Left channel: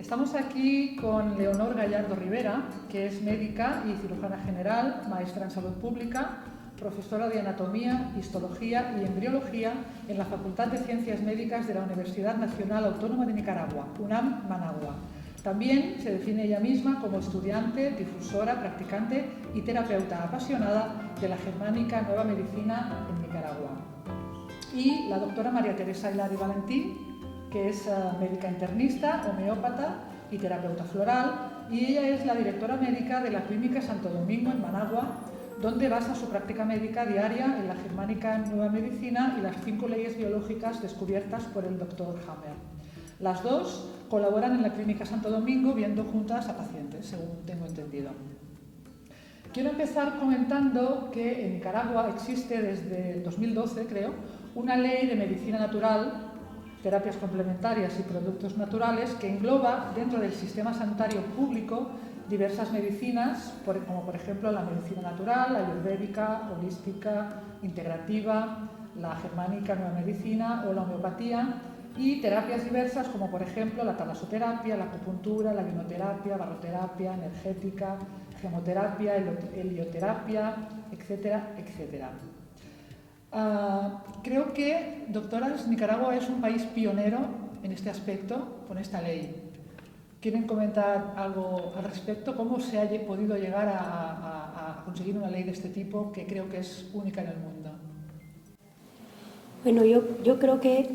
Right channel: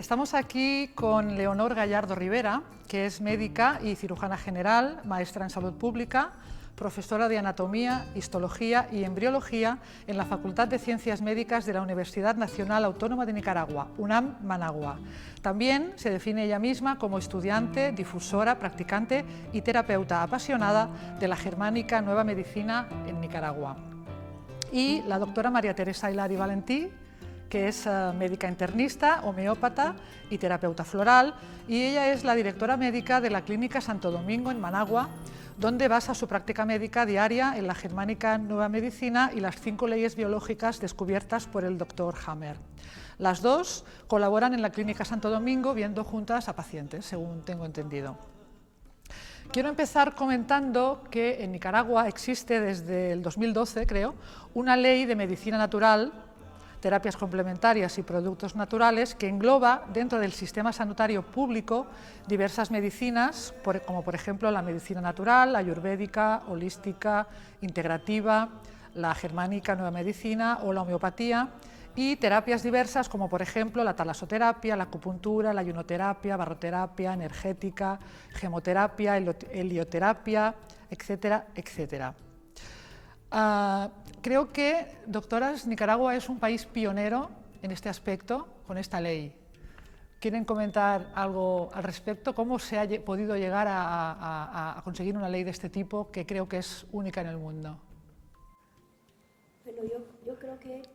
Estamos aquí con Leonor Gallardo Rivera, que es médica y cirujana general, maestra en salud pública, profesora de anatomía, histología y embriología en la Facultad de Ciencias Médicas de la Universidad Nacional Autónoma de Nicaragua, UNAM Managua. También se define ella misma como estudiante, difusora, practicante y terapeuta apasionada de la germánica nueva medicina en Nicaragua. Y la doctora María Teresa Hilari Valentí, que es médica internista, homeópata y terapeuta floral, y ella es la directora médica de la Clínica Santo Domingo en Managua, donde basa su práctica médica diaria en la germánica nueva medicina y las 5 leyes biológicas descubiertas por el Dr. Hammer. Las dos colaboran en la Clínica Santo Domingo viendo juntas a pacientes, según tengo entendido. Quiero empezar comentando que en Nicaragua existe desde el 2012, creo, una ley de medicina natural, terapias complementarias y productos naturales que engloba dentro del sistema sanitario público diversas medicinas, como por ejemplo la medicina natural, ayurvédica, holística, integrativa, la germánica nueva medicina o la homeopatía, y terapias diversas como por ejemplo la talasoterapia, la acupuntura, la ionoterapia, barroterapia, energética, gemoterapia, helioterapia, etcétera, etcétera. Creo que, doctoras, Nicaragua es un país pionero en este aspecto con esta ley. ¿Quieren comentar algo al respecto? ¿Cómo se ha podido llegar a conseguir una ley de este tipo que creo que es única en el mundo? Bueno, yo creo que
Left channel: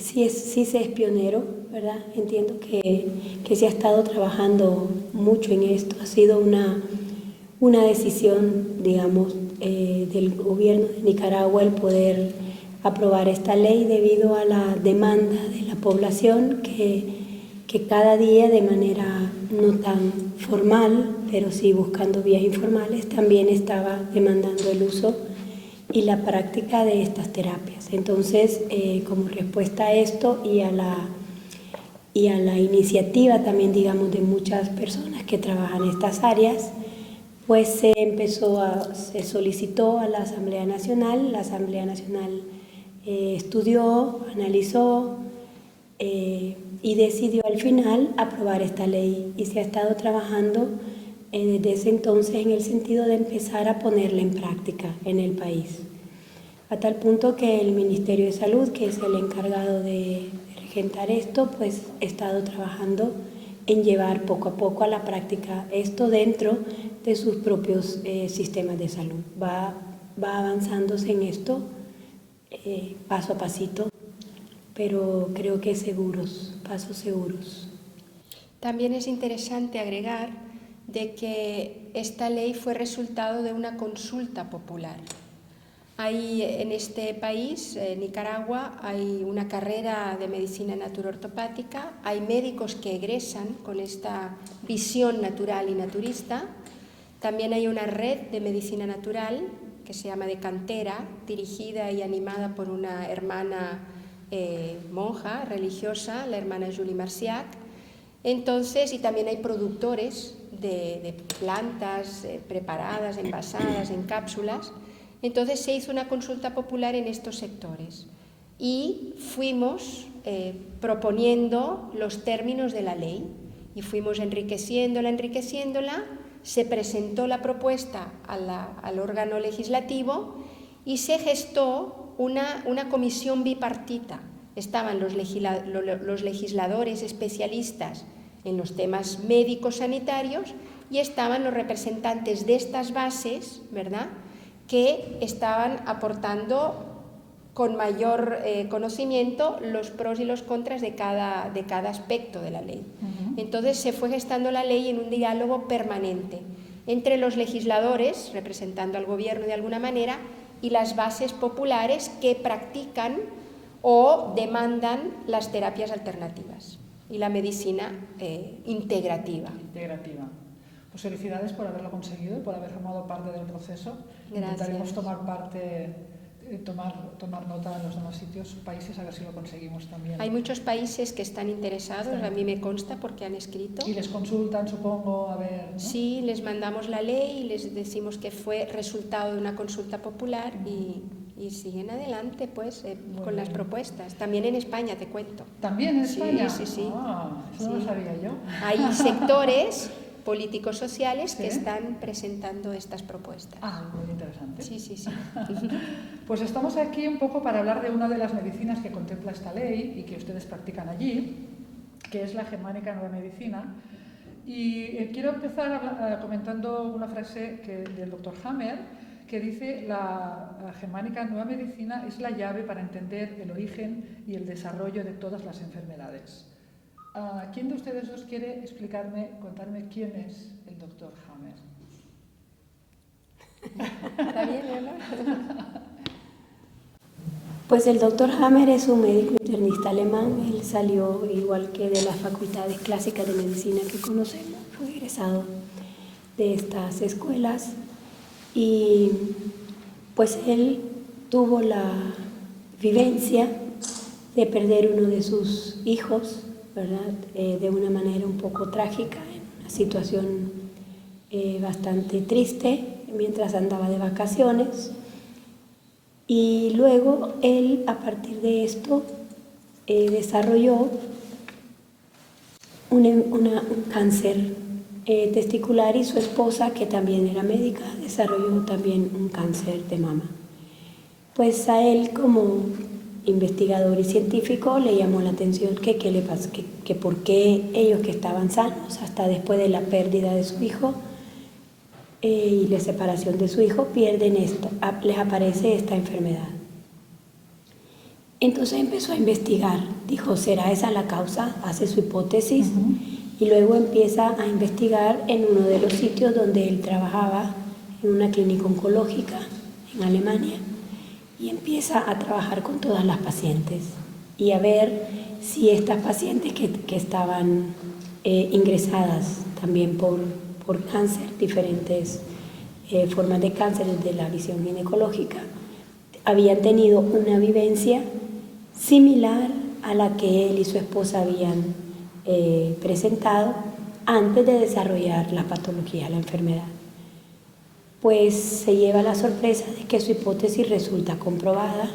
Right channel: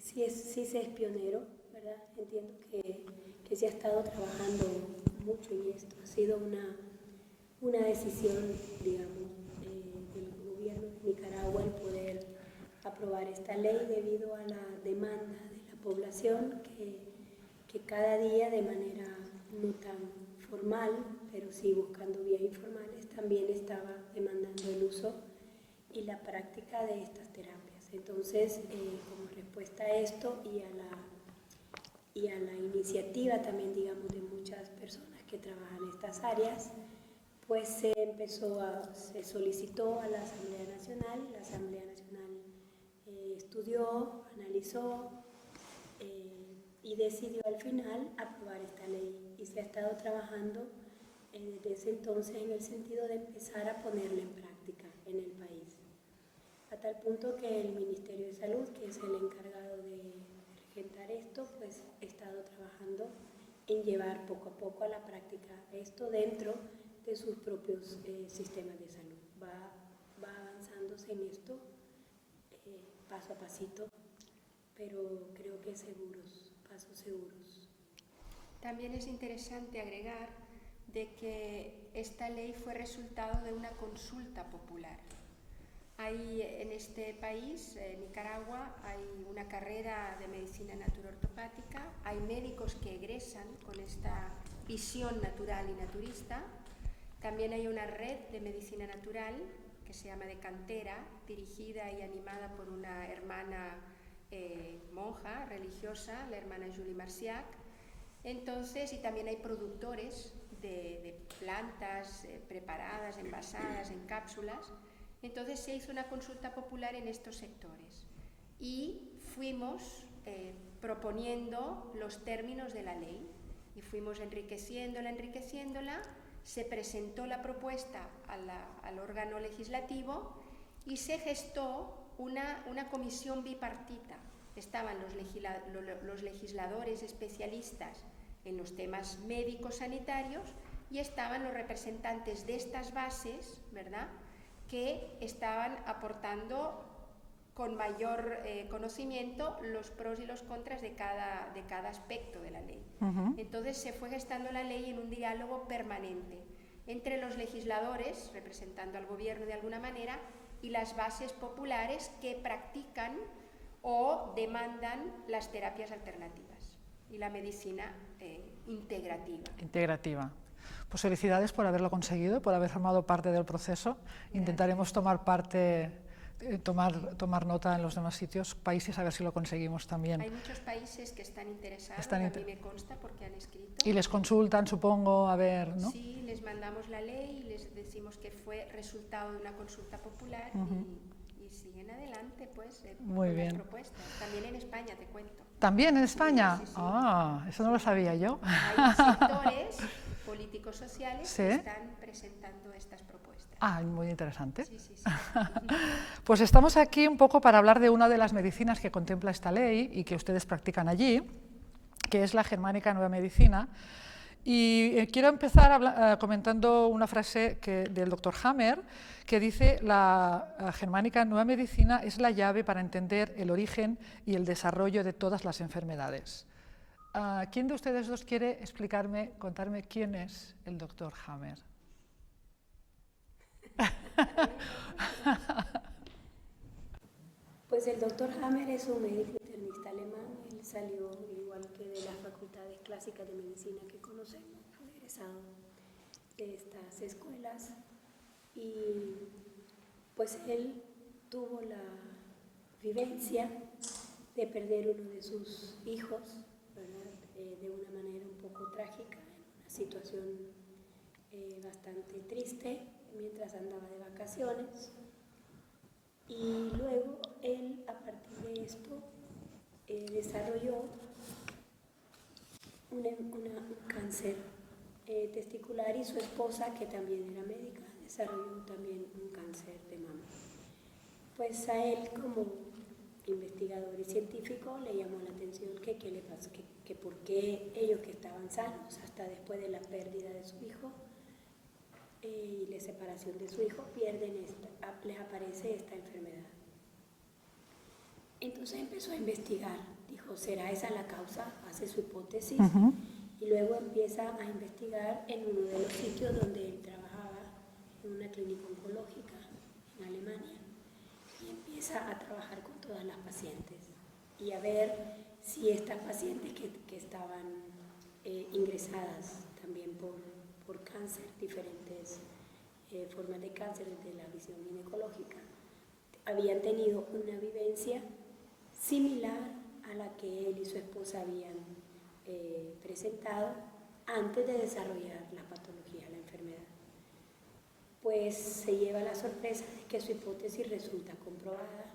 sí se es pionero, ¿verdad? Entiendo que se ha estado trabajando mucho en esto. Ha sido una decisión, digamos, del gobierno de Nicaragua el poder aprobar esta ley debido a la demanda de la población que cada día de manera no tan formal, pero sí buscando vías informales, también estaba demandando el uso y la práctica de estas terapias. Entonces, como respuesta a esto y a la iniciativa también, digamos, de muchas personas que trabajan en estas áreas, pues se solicitó a la Asamblea Nacional. La Asamblea Nacional estudió, analizó y decidió al final aprobar esta ley, y se ha estado trabajando desde ese entonces en el sentido de empezar a ponerla en práctica en el país, a tal punto que el Ministerio de Salud, que es el encargado de regentar esto, pues ha estado trabajando en llevar poco a poco a la práctica esto dentro de sus propios sistemas de salud. Va avanzándose en esto paso a pasito, pero creo que pasos seguros. También es interesante agregar de que esta ley fue resultado de una consulta popular. Hay en este país, Nicaragua, hay una carrera de medicina naturoortopática, hay médicos que egresan con esta visión natural y naturista. También hay una red de medicina natural que se llama de cantera, dirigida y animada por una hermana monja religiosa, la hermana Julie Marciac. Entonces, y también hay productores de plantas preparadas, envasadas en cápsulas. Entonces se hizo una consulta popular en estos sectores y fuimos proponiendo los términos de la ley y fuimos enriqueciéndola. Se presentó la propuesta al órgano legislativo y se gestó una comisión bipartita. Estaban los legisladores especialistas en los temas médicos sanitarios y estaban los representantes de estas bases, ¿verdad?, que estaban aportando con mayor conocimiento los pros y los contras de cada aspecto de la ley. Entonces se fue gestando la ley en un diálogo permanente entre los legisladores, representando al gobierno de alguna manera, y las bases populares que practican o demandan las terapias alternativas y la medicina integrativa. Pues felicidades por haberlo conseguido, por haber formado parte del proceso. Gracias. Intentaremos tomar nota en los demás sitios, países, a ver si lo conseguimos también. Hay muchos países que están interesados, a mí me consta porque han escrito. Y les consultan, supongo, a ver, ¿no? Sí, les mandamos la ley y les decimos que fue resultado de una consulta popular y y siguen adelante pues con bien. las propuestas. También en España, te cuento. ¿También en España? Sí, sí, sí. Ah, eso no lo Sí. sabía yo. Hay sectores políticos sociales Sí. que están presentando estas propuestas. Ah, muy interesante. Sí, sí, sí. Pues estamos aquí un poco para hablar de una de las medicinas que contempla esta ley y que ustedes practican allí, que es la germánica nueva medicina. Y quiero empezar comentando una frase del doctor Hammer, que dice: la germánica nueva medicina es la llave para entender el origen y el desarrollo de todas las enfermedades. ¿Quién de ustedes dos quiere contarme quién es el doctor Hammer? ¿Está bien, Ana? Pues el doctor Hammer es un médico internista alemán. Él salió igual que de las facultades clásicas de medicina que conocemos, fue egresado de estas escuelas y pues él tuvo la vivencia de perder uno de sus hijos, ¿verdad? De una manera un poco trágica, en una situación bastante triste, mientras andaba de vacaciones. Y luego él, a partir de esto, desarrolló un cáncer testicular, y su esposa, que también era médica, desarrolló también un cáncer de mama. Pues a él, como investigador y científico, le llamó la atención que qué le pasó, que por qué ellos, que estaban sanos hasta después de la pérdida de su hijo y la separación de su hijo, les aparece esta enfermedad. Entonces empezó a investigar, dijo, ¿será esa la causa? Hace su hipótesis y luego empieza a investigar en uno de los sitios donde él trabajaba, en una clínica oncológica en Alemania, y empieza a trabajar con todas las pacientes y a ver si estas pacientes que estaban ingresadas también por cáncer, diferentes formas de cáncer desde la visión ginecológica, habían tenido una vivencia similar a la que él y su esposa habían presentado antes de desarrollar la patología, la enfermedad. Pues se lleva la sorpresa de que su hipótesis resulta comprobada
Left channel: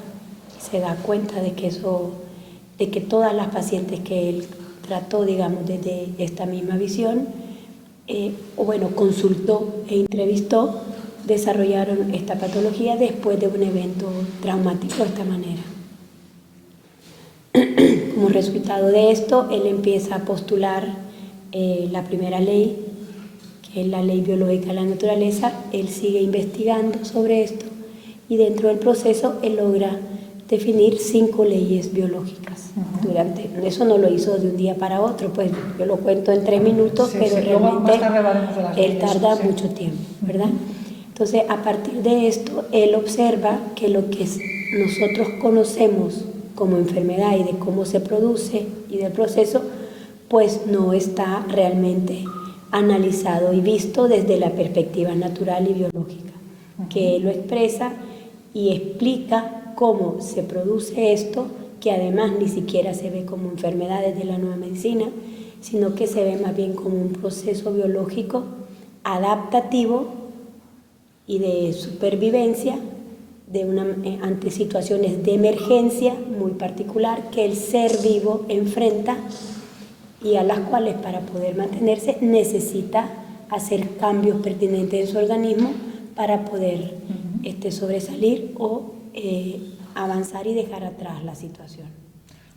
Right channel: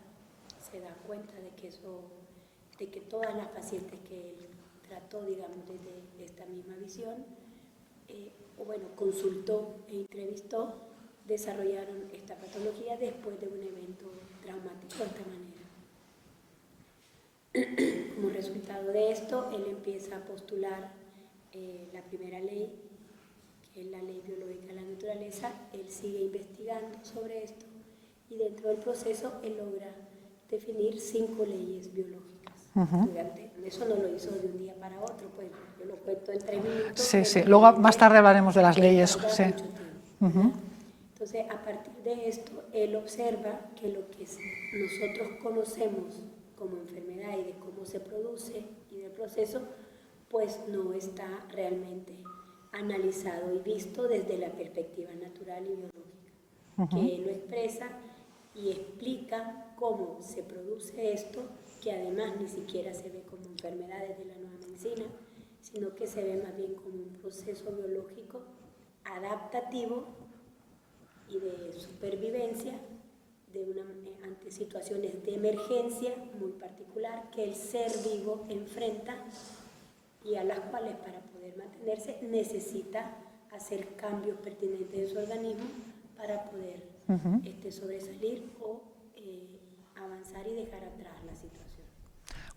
y se da cuenta de que todas las pacientes que él trató, digamos, desde esta misma visión, consultó e entrevistó, desarrollaron esta patología después de un evento traumático de esta manera. Como resultado de esto, él empieza a postular la primera ley, que es la ley biológica de la naturaleza. Él sigue investigando sobre esto y dentro del proceso él logra definir 5 leyes biológicas. Eso no lo hizo de un día para otro, pues yo lo cuento en 3 minutos, sí, pero sí. Luego más tarde hablaremos de las él leyes. tarda Sí. mucho tiempo, ¿verdad? Entonces, a partir de esto, él observa que lo que nosotros conocemos como enfermedad y de cómo se produce y del proceso, pues no está realmente analizado y visto desde la perspectiva natural y biológica, que él lo expresa y explica cómo se produce esto, que además ni siquiera se ve como enfermedad desde la nueva medicina, sino que se ve más bien como un proceso biológico adaptativo y de supervivencia ante situaciones de emergencia muy particular que el ser vivo enfrenta y a las cuales, para poder mantenerse, necesita hacer cambios pertinentes en su organismo para poder sobresalir o avanzar y dejar atrás la situación.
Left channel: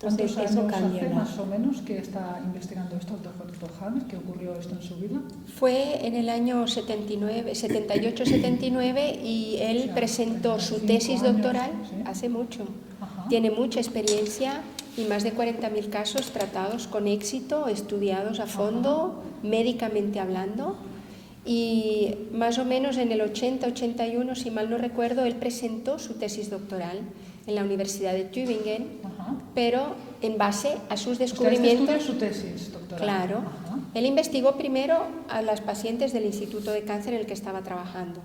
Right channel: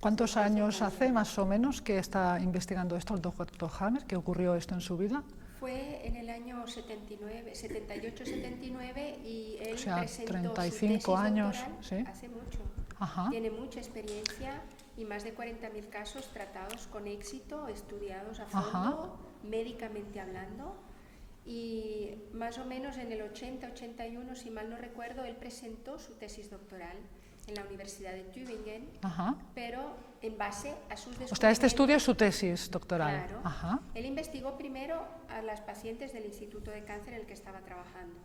¿Cuántos Entonces, años hace más o menos que está investigando esto el doctor Hammer, que ocurrió esto en su vida? Fue en el año 78-79 y él presentó su tesis doctoral hace mucho. Tiene mucha experiencia y más de 40.000 casos tratados con éxito, estudiados a fondo, médicamente hablando. Y más o menos en el 80-81, si mal no recuerdo, él presentó su tesis doctoral en la Universidad de Tübingen, pero en base a sus descubrimientos. Este estudio es su tesis doctoral. Claro. Él investigó primero a las pacientes del Instituto de Cáncer en el que estaba trabajando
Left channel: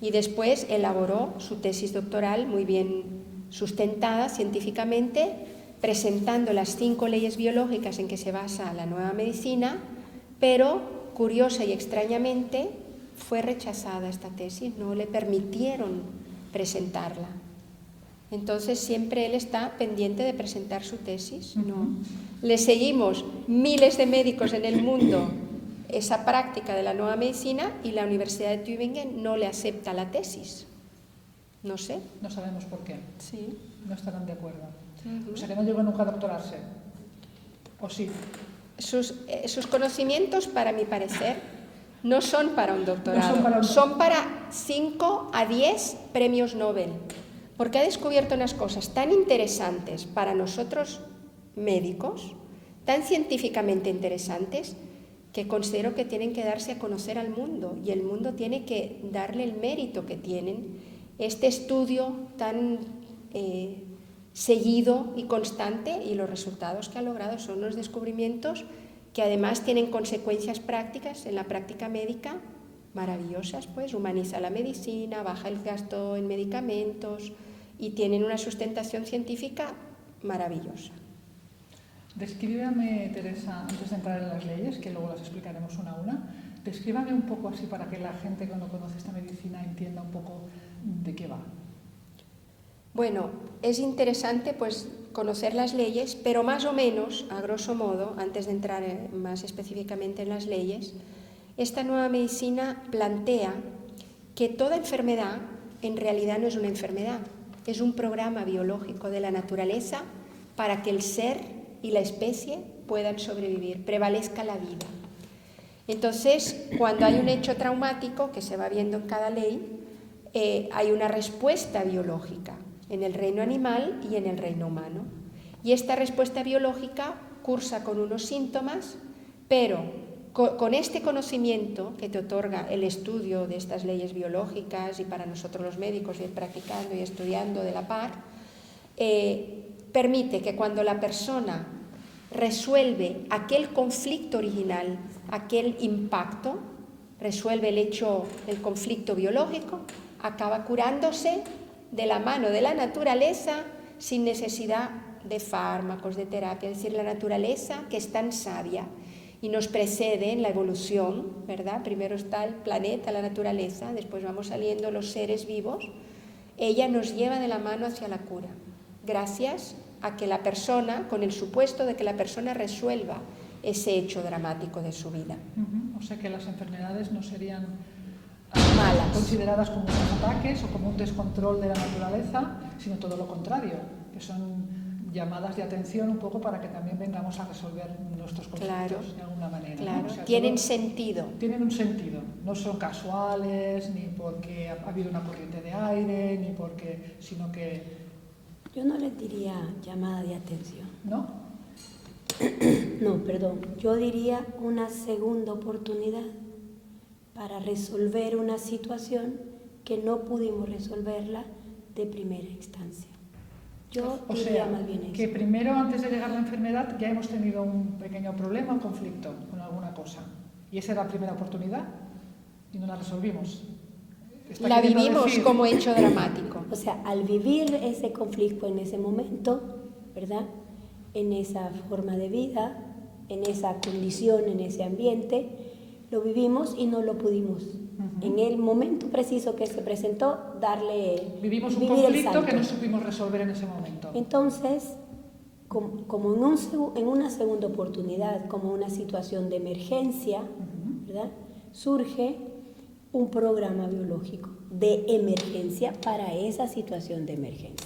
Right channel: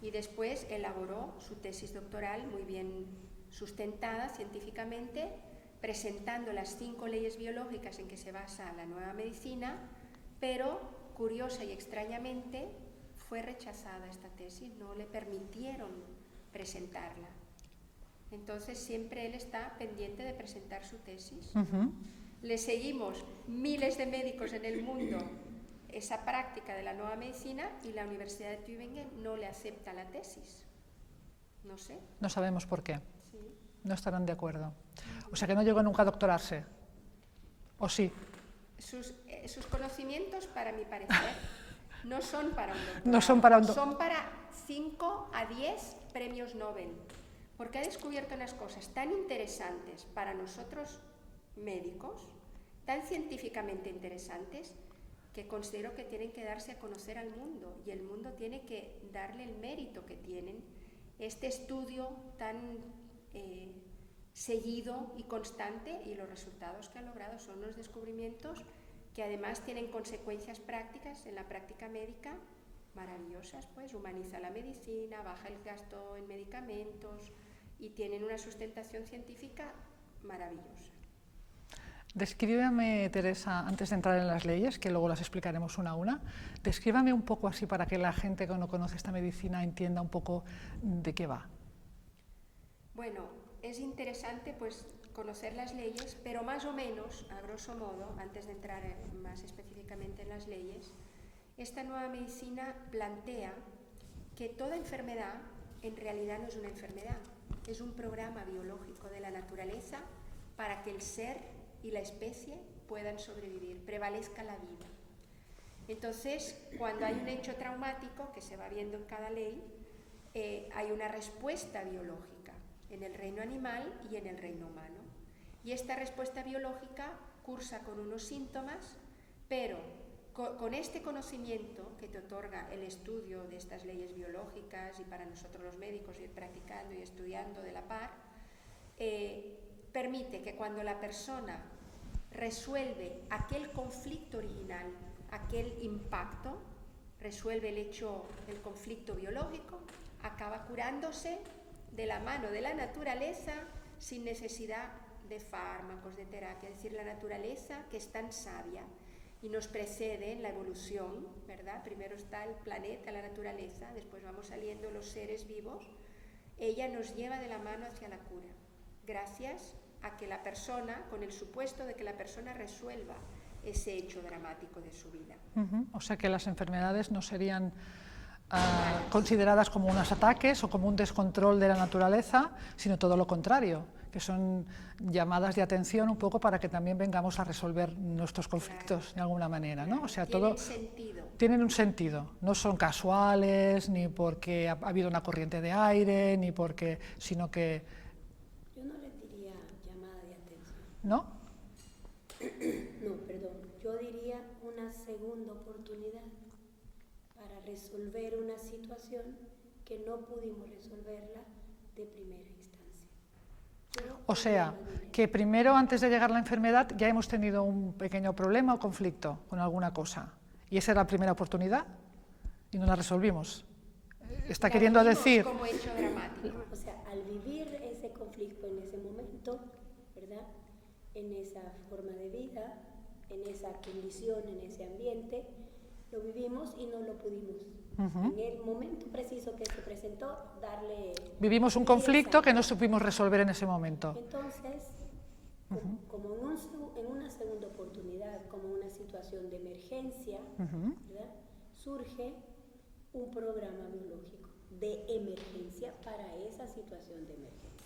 y después elaboró su tesis doctoral muy bien sustentada científicamente, presentando las 5 leyes biológicas en que se basa la nueva medicina, pero curiosa y Entonces siempre él está pendiente de presentar su tesis, ¿no? Le seguimos miles de médicos en el mundo esa práctica de la nueva medicina y la Universidad de Tübingen no le acepta la tesis. No sé. No sabemos por qué. Sí. No estarán de acuerdo. O sea que no llegó nunca a doctorarse. ¿O sí? Sus conocimientos, para mi parecer, no son para un doctorado. No son para 5 a 10 premios Nobel. Porque ha descubierto unas cosas tan interesantes para nosotros médicos, tan científicamente interesantes, que considero que tienen que darse a conocer al mundo y el mundo tiene que darle el mérito que tienen. Este estudio tan seguido y constante, y los resultados que ha logrado son unos descubrimientos que además tienen consecuencias prácticas en la práctica médica maravillosas, pues humaniza la medicina, baja el gasto en medicamentos y tienen una sustentación científica maravillosa. Descríbame, Teresa, antes de entrar en las leyes, que luego las explicaremos una a una, descríbame un poco así para que la gente que no conoce esta medicina entienda un poco de qué va. Bueno, es interesante pues conocer las leyes, pero más o menos, a grosso modo, antes de entrar más específicamente en las leyes, esta nueva medicina plantea que toda enfermedad en realidad no es una enfermedad, es un programa biológico de la naturaleza para que el ser y la especie puedan sobrevivir, prevalezca la vida. Entonces, cuando hay un hecho traumático, que se va viendo en cada ley, hay una respuesta biológica en el reino animal y en el reino humano. Y esta respuesta biológica cursa con unos síntomas, pero con este conocimiento que te otorga el estudio de estas leyes biológicas y para nosotros los médicos ir practicando y estudiando de la par, permite que cuando la persona resuelve aquel conflicto original, aquel impacto, resuelve el conflicto biológico, acaba curándose de la mano de la naturaleza sin necesidad de fármacos, de terapia. Es decir, la naturaleza, que es tan sabia y nos precede en la evolución, ¿verdad? Primero está el planeta, la naturaleza, después vamos saliendo los seres vivos. Ella nos lleva de la mano hacia la cura, gracias a que la persona, con el supuesto de que la persona resuelva ese hecho dramático de su vida. O sea que las enfermedades no serían malas, consideradas como unos ataques o como un descontrol de la naturaleza, sino todo lo contrario, que son llamadas de atención un poco para que también vengamos a resolver nuestros conflictos de alguna manera. Claro. ¿no? O sea, Tienen sentido. Tienen un sentido, no son casuales, ni porque ha habido una corriente de aire, ni porque, sino que... Yo no les diría llamada de atención. ¿No? No, perdón. Yo diría una segunda oportunidad para resolver una situación que no pudimos resolverla de primera instancia. O sea, que primero, antes de llegar a la enfermedad, ya hemos tenido un pequeño problema, un conflicto con alguna cosa. Y esa era la primera oportunidad y no la resolvimos. La vivimos como hecho dramático. O sea, al vivir ese conflicto en ese momento, ¿verdad? En esa forma de vida, en esa condición, en ese ambiente, lo vivimos y no lo pudimos. En el momento preciso que se presentó, vivimos un conflicto que no supimos resolver en ese momento. Entonces, como en una segunda oportunidad, como una situación de emergencia, ¿verdad? Surge un programa biológico de emergencia para esa situación de emergencia.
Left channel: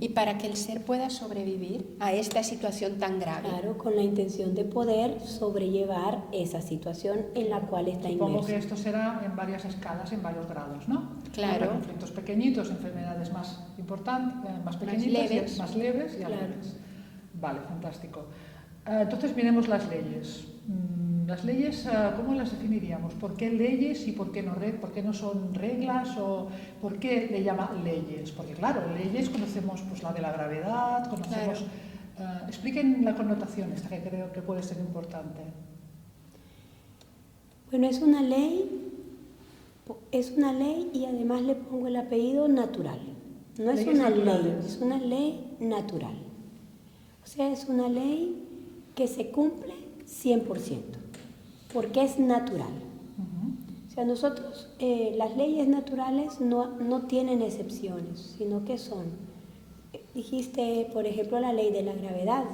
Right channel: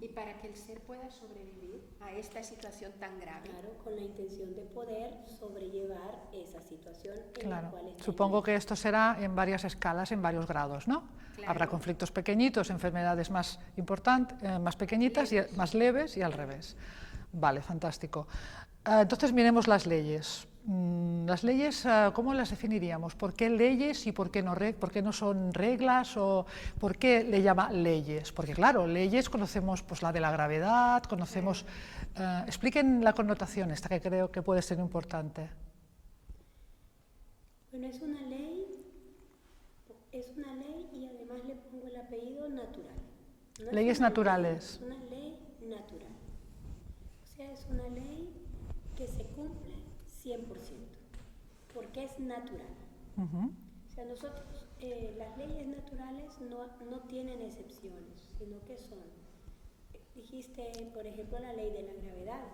Y para que el ser pueda sobrevivir a esta situación tan grave. Claro, con la intención de poder sobrellevar esa situación en la cual está inmerso. Supongo que esto será en varias escalas, en varios grados, ¿no? Claro. Habrá conflictos pequeñitos, enfermedades más importantes, más pequeñitas, más leves y al revés. Vale, fantástico. Entonces miremos las leyes. Las leyes, ¿cómo las definiríamos? ¿Por qué leyes y por qué no son reglas? ¿O por qué le llama leyes? Porque claro, leyes conocemos pues, la de la gravedad, conocemos... Claro. Expliquen la connotación esta, que creo que puede ser importante. Bueno, es una ley y además le pongo el apellido natural. No es leyes una naturales. Ley, es una ley natural. O sea, es una ley que se cumple 100%. Porque es natural. O sea, nosotros, las leyes naturales no tienen excepciones, sino que son Dijiste, por ejemplo, la ley de la gravedad.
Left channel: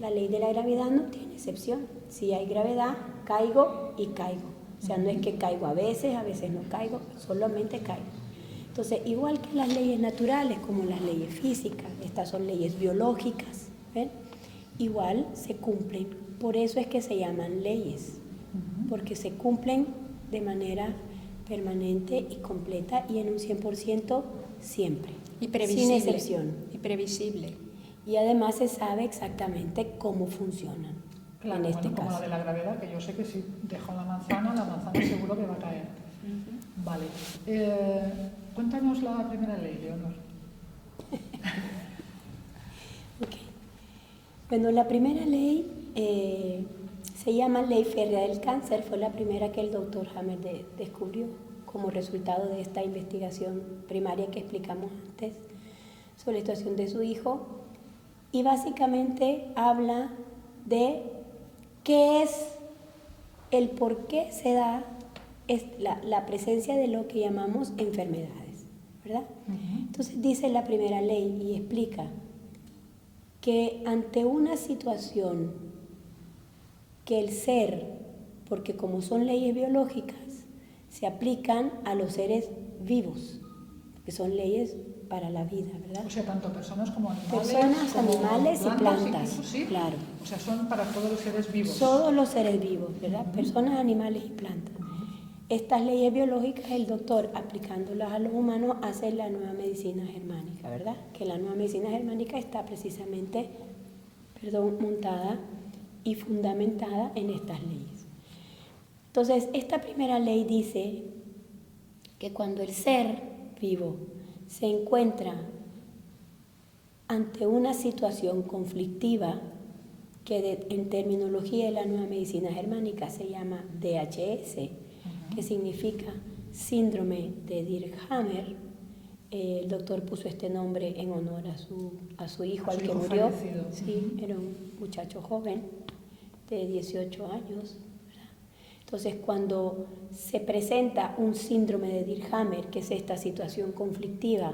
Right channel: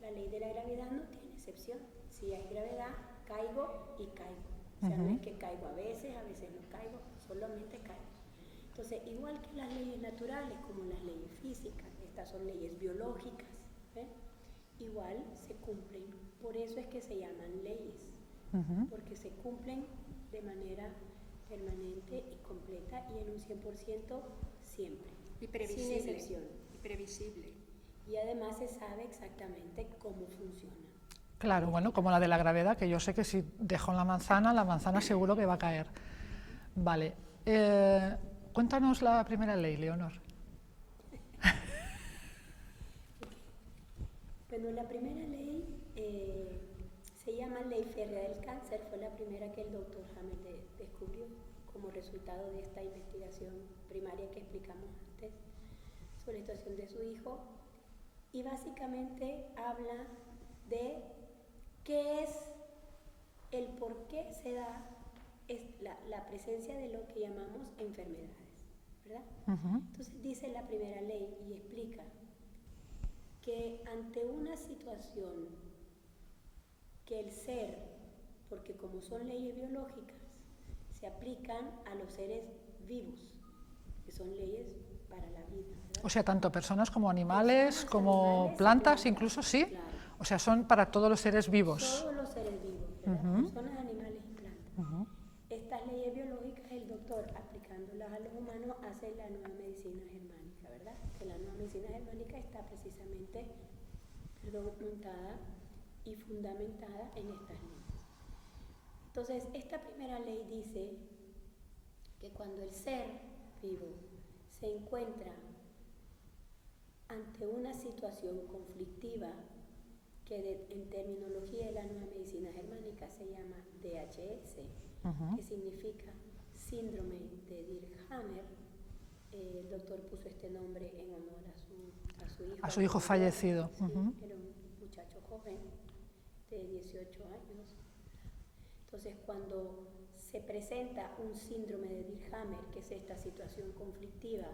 La ley de la gravedad no tiene excepción. Si hay gravedad, caigo y caigo. O sea, no es que caigo a veces no caigo, solamente caigo. Entonces, igual que las leyes naturales, como las leyes físicas, estas son leyes biológicas, ¿ven? Igual se cumplen. Por eso es que se llaman leyes, porque se cumplen de manera permanente y completa y en un 100% siempre, y previsible, sin excepción. Y previsible. Y además se sabe exactamente cómo funcionan. Claro, bueno, como la de la gravedad, que yo sé que si dejo la manzana seguro que va a caer. Vale. Cuéntanos la primera ley, Leonor. Okay. Bueno, la primera ley se llama Ley Férrea del Cáncer. Fue la primera que el doctor Hammer descubrió como resultado de esta investigación primaria que explicamos antes sobre la situación de su hijo. Y básicamente habla de qué es el por qué se da la presencia de lo que llamamos enfermedades, ¿verdad? Entonces dice la primera ley y explica que ante una situación que el ser, porque como son leyes biológicas, se aplican a los seres vivos, que son leyes para la vida, ¿verdad? O sea, tanto personas como animales, animales plantas, y plantas, incluso, sí. Claro. O sea, son para todos los seres vivos. Todos los seres vivos, ¿verdad? Personas, animales y plantas. Estas leyes biológicas, el doctor, aplicándolas a los humanos, hace la nueva medicina germánica, ¿verdad? Que la nueva medicina germánica está precisamente, montada y fundamentada en estas leyes. Entonces, esta primera ley dice que cuando el ser vivo se encuentra ante una situación conflictiva, que en terminología de la nueva medicina germánica se llama DHS, que significa síndrome de Dirkhammer. El doctor puso este nombre en honor a su hijo, a su hijo murió. Fallecido. Sí, era un muchacho joven de 18 años. ¿Verdad? Entonces, cuando se presenta un síndrome de Dirkhammer, que es esta situación conflictiva,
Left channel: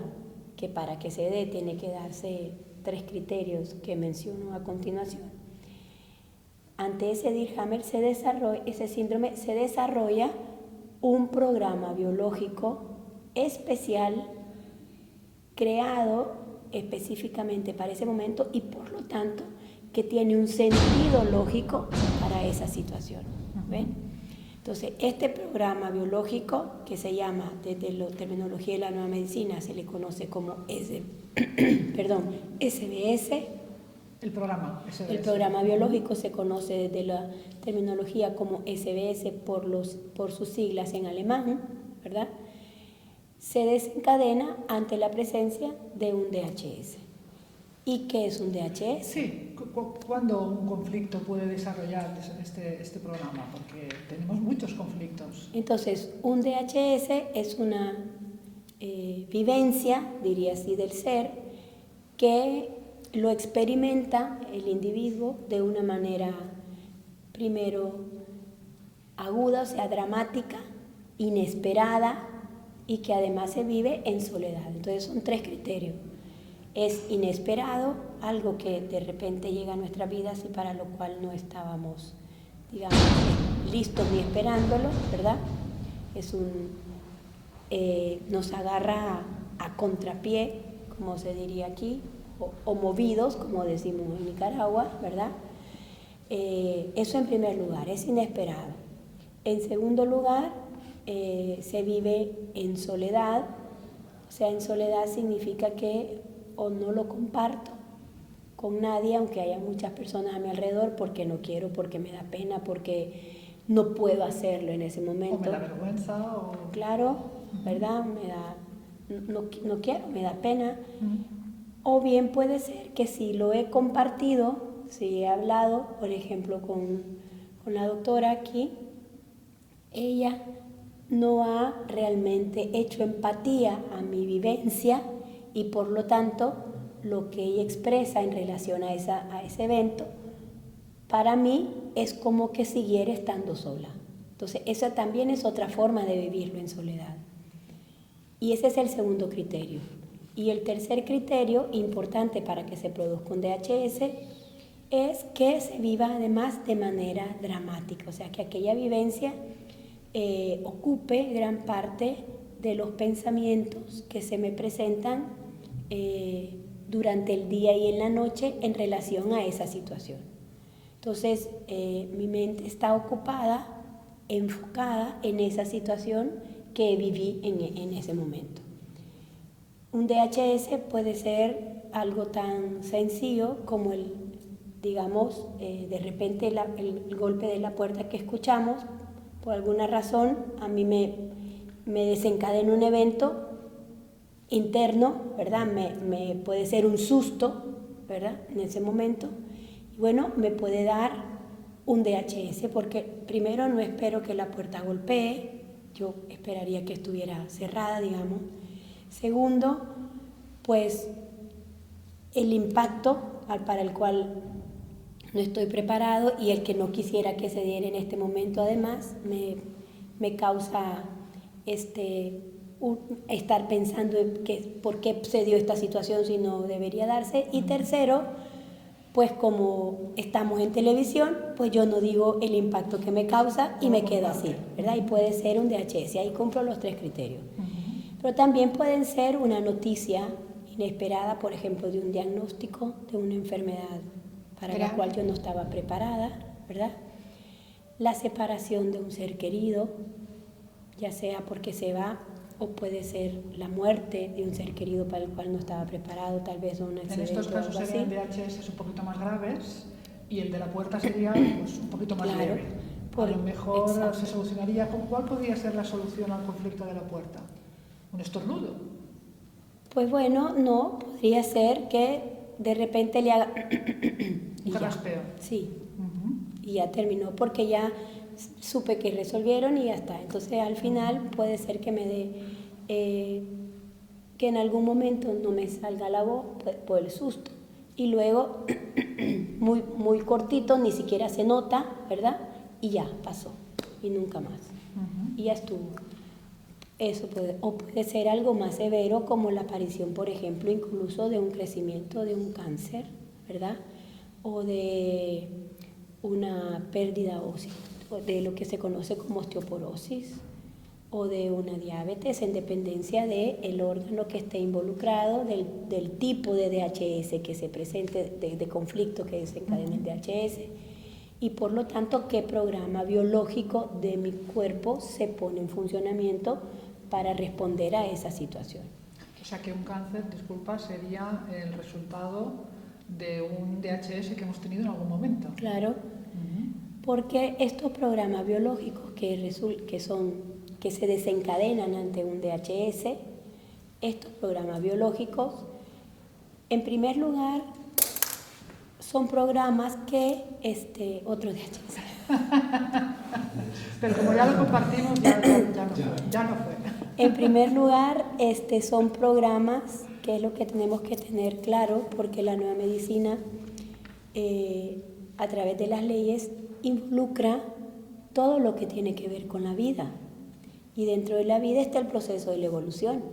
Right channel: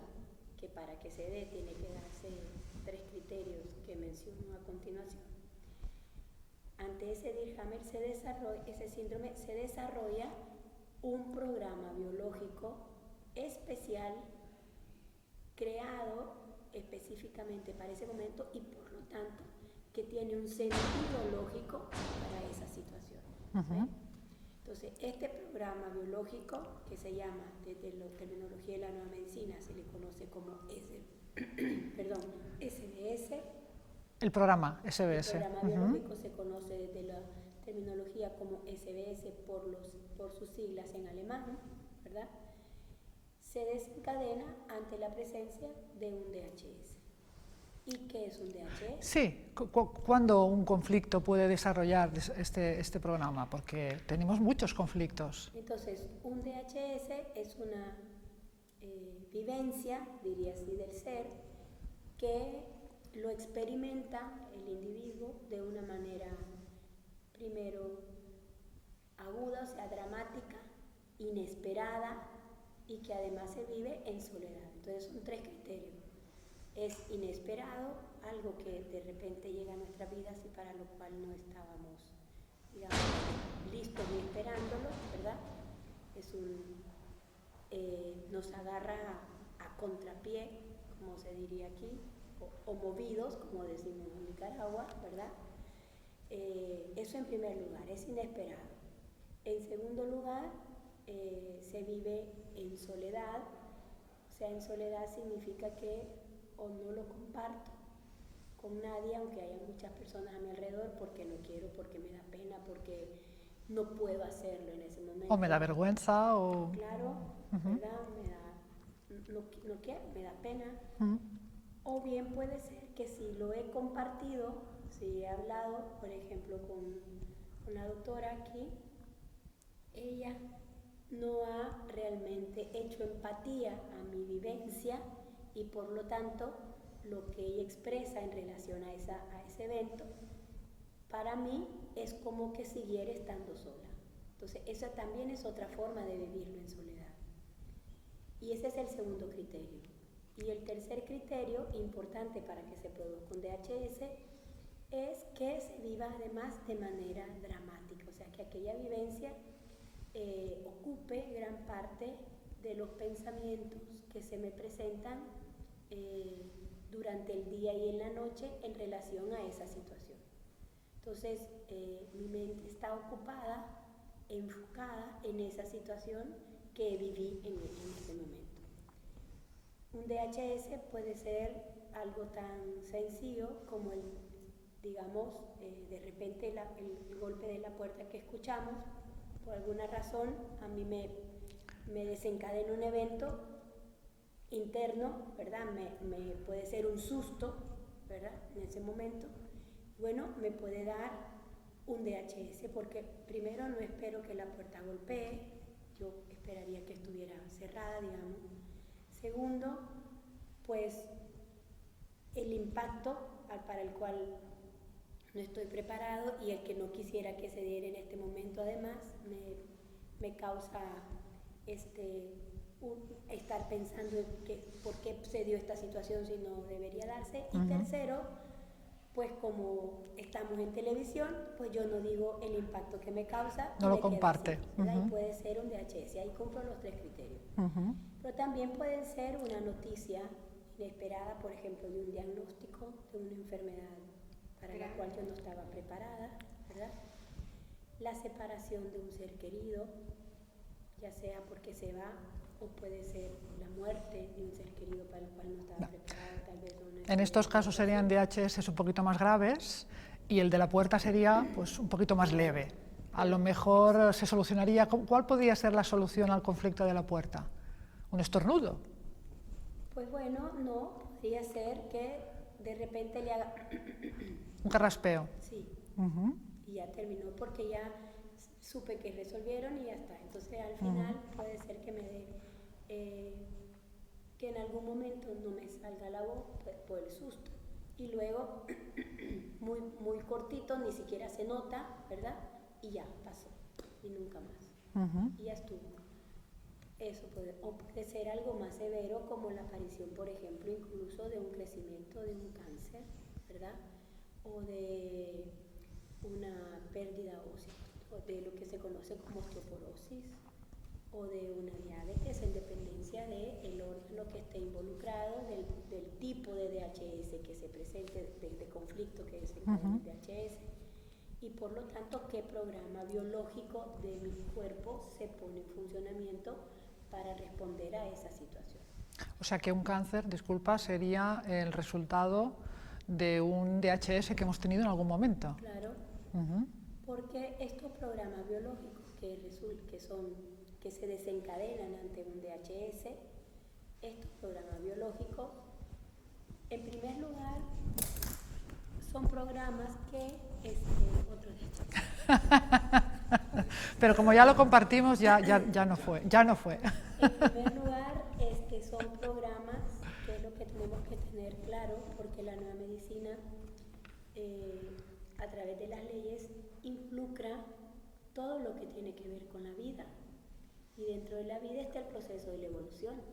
que para que se dé tiene que darse 3 criterios que menciono a continuación. Ante ese Dirkhammer ese síndrome se desarrolla un programa biológico especial creado específicamente para ese momento y por lo tanto que tiene un sentido lógico para esa situación. ¿Ven? Entonces, este programa biológico, que se llama, desde la terminología de la nueva medicina, se le conoce como SBS. El programa SBS. El programa biológico se conoce desde la terminología como SBS por sus siglas en alemán, ¿verdad? Se desencadena ante la presencia de un DHS. ¿Y qué es un DHS? Sí, ¿cuándo un conflicto puede desarrollar este programa? Porque tenemos muchos conflictos. Entonces, un DHS es una vivencia, diría así, del ser, que lo experimenta el individuo de una manera, primero, aguda, o sea, dramática, inesperada, y que además se vive en soledad. Entonces son 3 criterios. Es inesperado, algo que de repente llega a nuestras vidas y para lo cual no estábamos, digamos, listos ni esperándolo, ¿verdad? Nos agarra a contrapié, como se diría aquí, o movidos, como decimos en Nicaragua, ¿verdad? Eso en primer lugar, es inesperado. En segundo lugar, se vive en soledad. O sea, en soledad significa que o no lo comparto con nadie, aunque haya muchas personas a mi alrededor, porque no quiero, porque me da pena, porque no puedo hacerlo en ese momento. O me da vergüenza, o... Claro, ¿verdad? No quiero, me da pena. O bien puede ser que si lo he compartido, si he hablado, por ejemplo, con la doctora aquí, ella no ha realmente hecho empatía a mi vivencia y por lo tanto lo que ella expresa en relación a ese evento, para mí es como que siguiera estando sola. Entonces, esa también es otra forma de vivirlo en soledad. Y ese es el segundo criterio. Y el tercer criterio importante para que se produzca un DHS es que se viva además de manera dramática, o sea, que aquella vivencia ocupe gran parte de los pensamientos que se me presentan durante el día y en la noche en relación a esa situación. Entonces, mi mente está ocupada, enfocada en esa situación que viví en ese momento. Un DHS puede ser algo tan sencillo como digamos, de repente el golpe de la puerta que escuchamos, por alguna razón a mí me desencadena un evento interno, ¿verdad? Me puede ser un susto, ¿verdad? En ese momento. Y bueno, me puede dar un DHS porque primero no espero que la puerta golpee, yo esperaría que estuviera cerrada, digamos. Segundo, pues el impacto para el cual no estoy preparado y el que no quisiera que se diera en este momento, además, me causa estar pensando en por qué se dio esta situación si no debería darse. Y tercero, pues como estamos en televisión, pues yo no digo el impacto que me causa y me queda así, ¿verdad? Y puede ser un DHS, ahí cumplo los 3 criterios. Pero también pueden ser una noticia inesperada, por ejemplo, de un diagnóstico de una enfermedad para la cual yo no estaba preparada, ¿verdad? La separación de un ser querido, ya sea porque se va o puede ser la muerte de un ser querido para el cual no estaba preparado, tal vez un accidente. En estos casos serían DHS un poquito más graves y el de la puerta sería pues, un poquito más leve. A lo mejor exacto. Se solucionaría. ¿Cuál podría ser la solución al conflicto de la puerta? ¿Un estornudo? Pues bueno, no, podría ser que de repente le haga un carraspeo. Sí, y ya terminó porque ya supe que resolvieron y ya está. Entonces al final puede ser que me dé, que en algún momento no me salga la voz por el susto. Y luego, muy cortito, ni siquiera se nota, ¿verdad? Y ya pasó, y nunca más. Y ya estuvo. Eso puede ser algo más severo, como la aparición, por ejemplo, incluso de un crecimiento de un cáncer, ¿verdad? O de una pérdida ósea, de lo que se conoce como osteoporosis, o de una diabetes, en dependencia del órgano que esté involucrado, del tipo de DHS que se presente, de conflicto que desencadene el DHS, y por lo tanto qué programa biológico de mi cuerpo se pone en funcionamiento para responder a esa situación. O sea que un cáncer, disculpa, sería el resultado de un DHS que hemos tenido en algún momento. Claro, porque estos programas biológicos que se desencadenan ante un DHS, estos programas biológicos, en primer lugar, son programas que otro DHS. Pero como ya lo compartimos, ya no fue. En primer lugar, son programas que es lo que tenemos que tener claro, porque la nueva medicina, a través de las leyes, involucra todo lo que tiene que ver con la vida. Y dentro de la vida está el proceso de la evolución.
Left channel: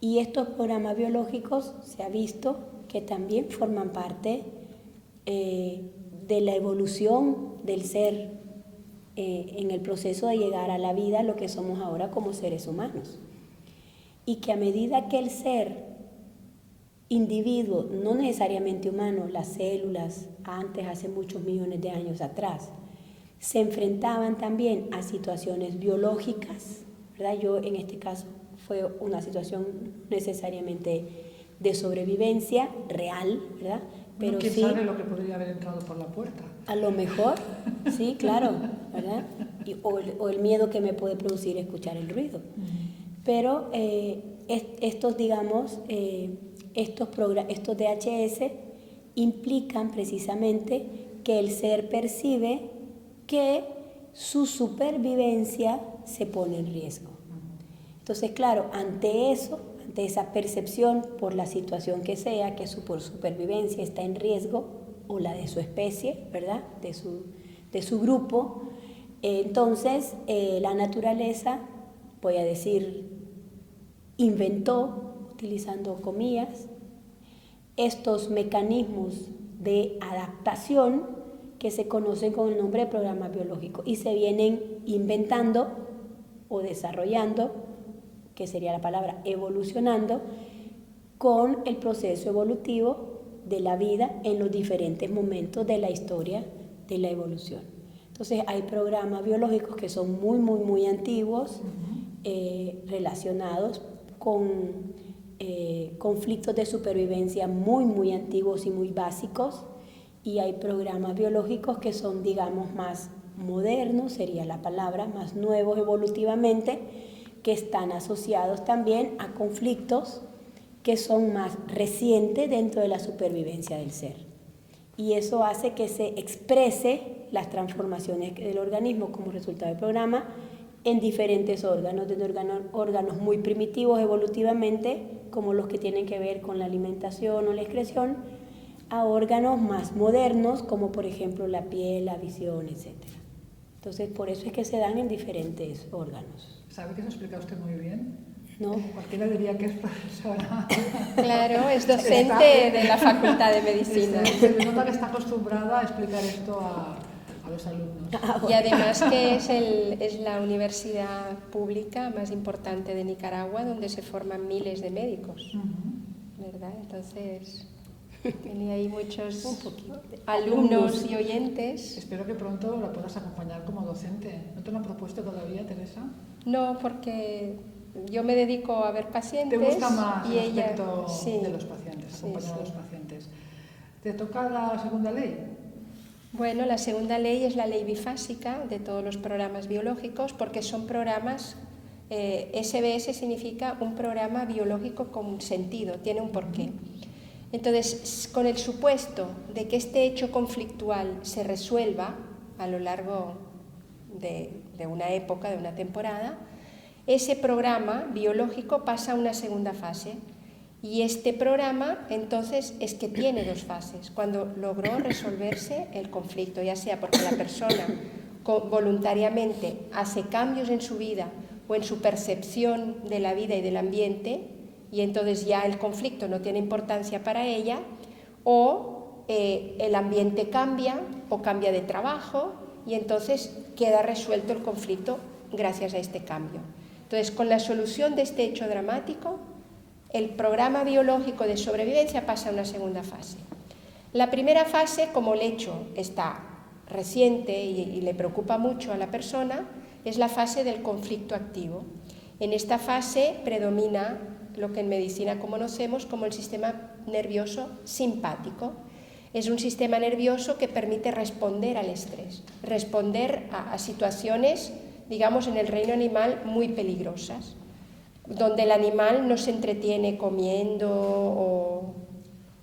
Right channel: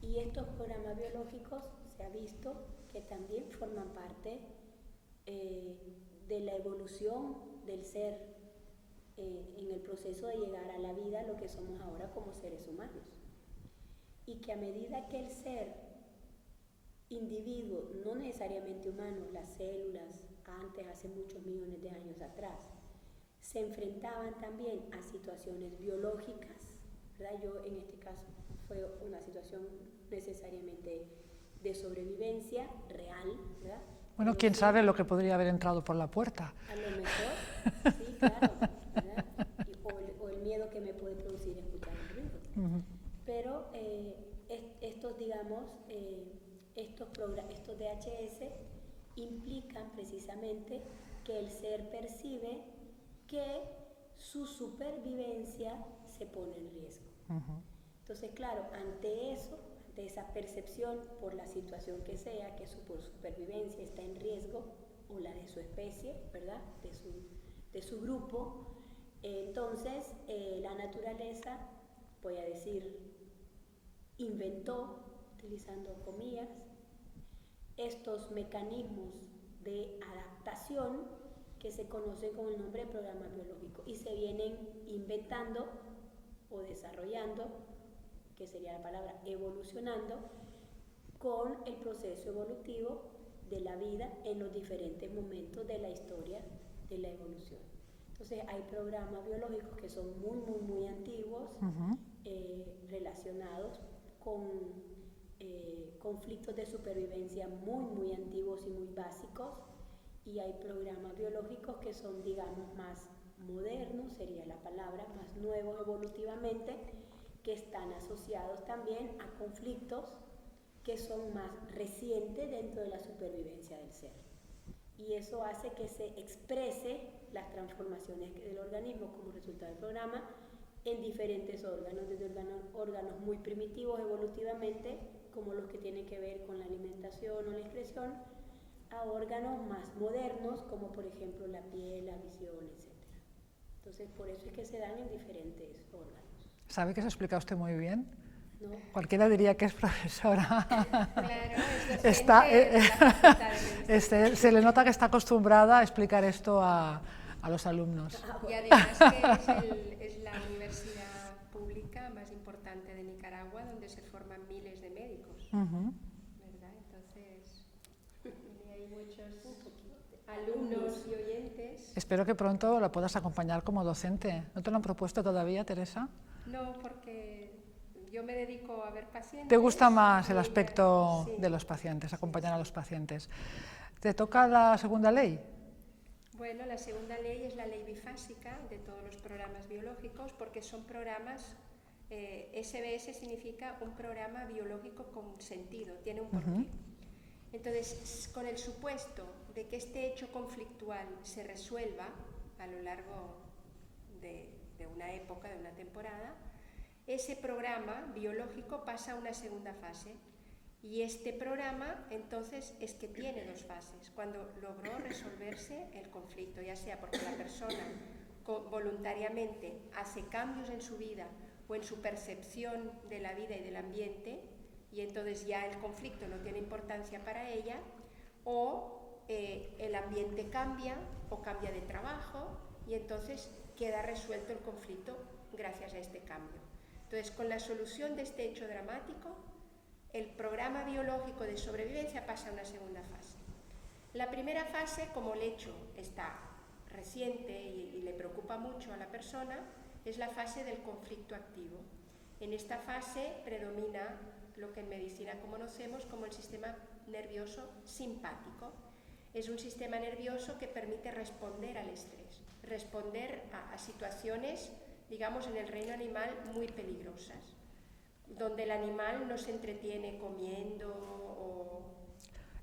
Y estos programas biológicos se ha visto que también forman parte de la evolución del ser en el proceso de llegar a la vida, lo que somos ahora como seres humanos. Y que a medida que el ser individuo, no necesariamente humano, las células antes, hace muchos millones de años atrás, se enfrentaban también a situaciones biológicas, ¿verdad? Yo en este caso fue una situación necesariamente de sobrevivencia real, ¿verdad? Bueno, pero quién sí, sabe lo que podría haber entrado por la puerta. A lo mejor, sí, claro, ¿verdad? O el miedo que me puede producir escuchar el ruido. Pero estos DHS implican precisamente que el ser percibe que su supervivencia se pone en riesgo. Entonces, claro, ante esa percepción por la situación que sea, que su supervivencia está en riesgo, o la de su especie, ¿verdad? De su grupo, entonces la naturaleza, voy a decir, inventó utilizando comillas, estos mecanismos de adaptación que se conocen con el nombre de programa biológico y se vienen inventando o desarrollando, que sería la palabra evolucionando, con el proceso evolutivo de la vida en los diferentes momentos de la historia de la evolución. Entonces hay programas biológicos que son muy antiguos, relacionados con conflictos de supervivencia muy antiguos y muy básicos, y hay programas biológicos que son, digamos, más modernos, sería la palabra, más nuevos evolutivamente, que están asociados también a conflictos que son más recientes dentro de la supervivencia del ser. Y eso hace que se exprese las transformaciones del organismo como resultado del programa en diferentes órganos, desde órganos muy primitivos evolutivamente, como los que tienen que ver con la alimentación o la excreción, a órganos más modernos, como por ejemplo la piel, la visión, etc. Entonces, por eso es que se dan en diferentes órganos. ¿Sabe que se explica usted muy bien? ¿No? Cualquiera diría que es profesora. Claro, es docente de la Facultad de Medicina. Se le nota que está acostumbrada a explicar esto a los alumnos. Y además que es la universidad pública más importante de Nicaragua, donde se forman miles de médicos, ¿verdad? Entonces, tiene ahí muchos alumnos y oyentes. Espero que pronto la puedas acompañar como docente. ¿No te lo han propuesto todavía, Teresa? No, porque yo me dedico a ver pacientes. ¿Te gusta más el ella, aspecto sí, de los pacientes, acompañar sí, a los pacientes? ¿Te toca la segunda ley? Bueno, la segunda ley es la ley bifásica de todos los programas biológicos, porque son programas, SBS significa un programa biológico con sentido, tiene un porqué. Entonces, con el supuesto de que este hecho conflictual se resuelva a lo largo de una época, de una temporada, ese programa biológico pasa a una segunda fase. Y este programa, entonces, es que tiene dos fases. Cuando logró resolverse el conflicto, ya sea porque la persona voluntariamente hace cambios en su vida o en su percepción de la vida y del ambiente, y entonces ya el conflicto no tiene importancia para ella, o el ambiente cambia o cambia de trabajo, y entonces queda resuelto el conflicto gracias a este cambio. Entonces, con la solución de este hecho dramático, el programa biológico de sobrevivencia pasa a una segunda fase. La primera fase, como el hecho está reciente y le preocupa mucho a la persona, es la fase del conflicto activo. En esta fase predomina lo que en medicina conocemos como el sistema nervioso simpático. Es un sistema nervioso que permite responder al estrés, responder a situaciones, digamos, en el reino animal muy peligrosas, donde el animal no se entretiene comiendo o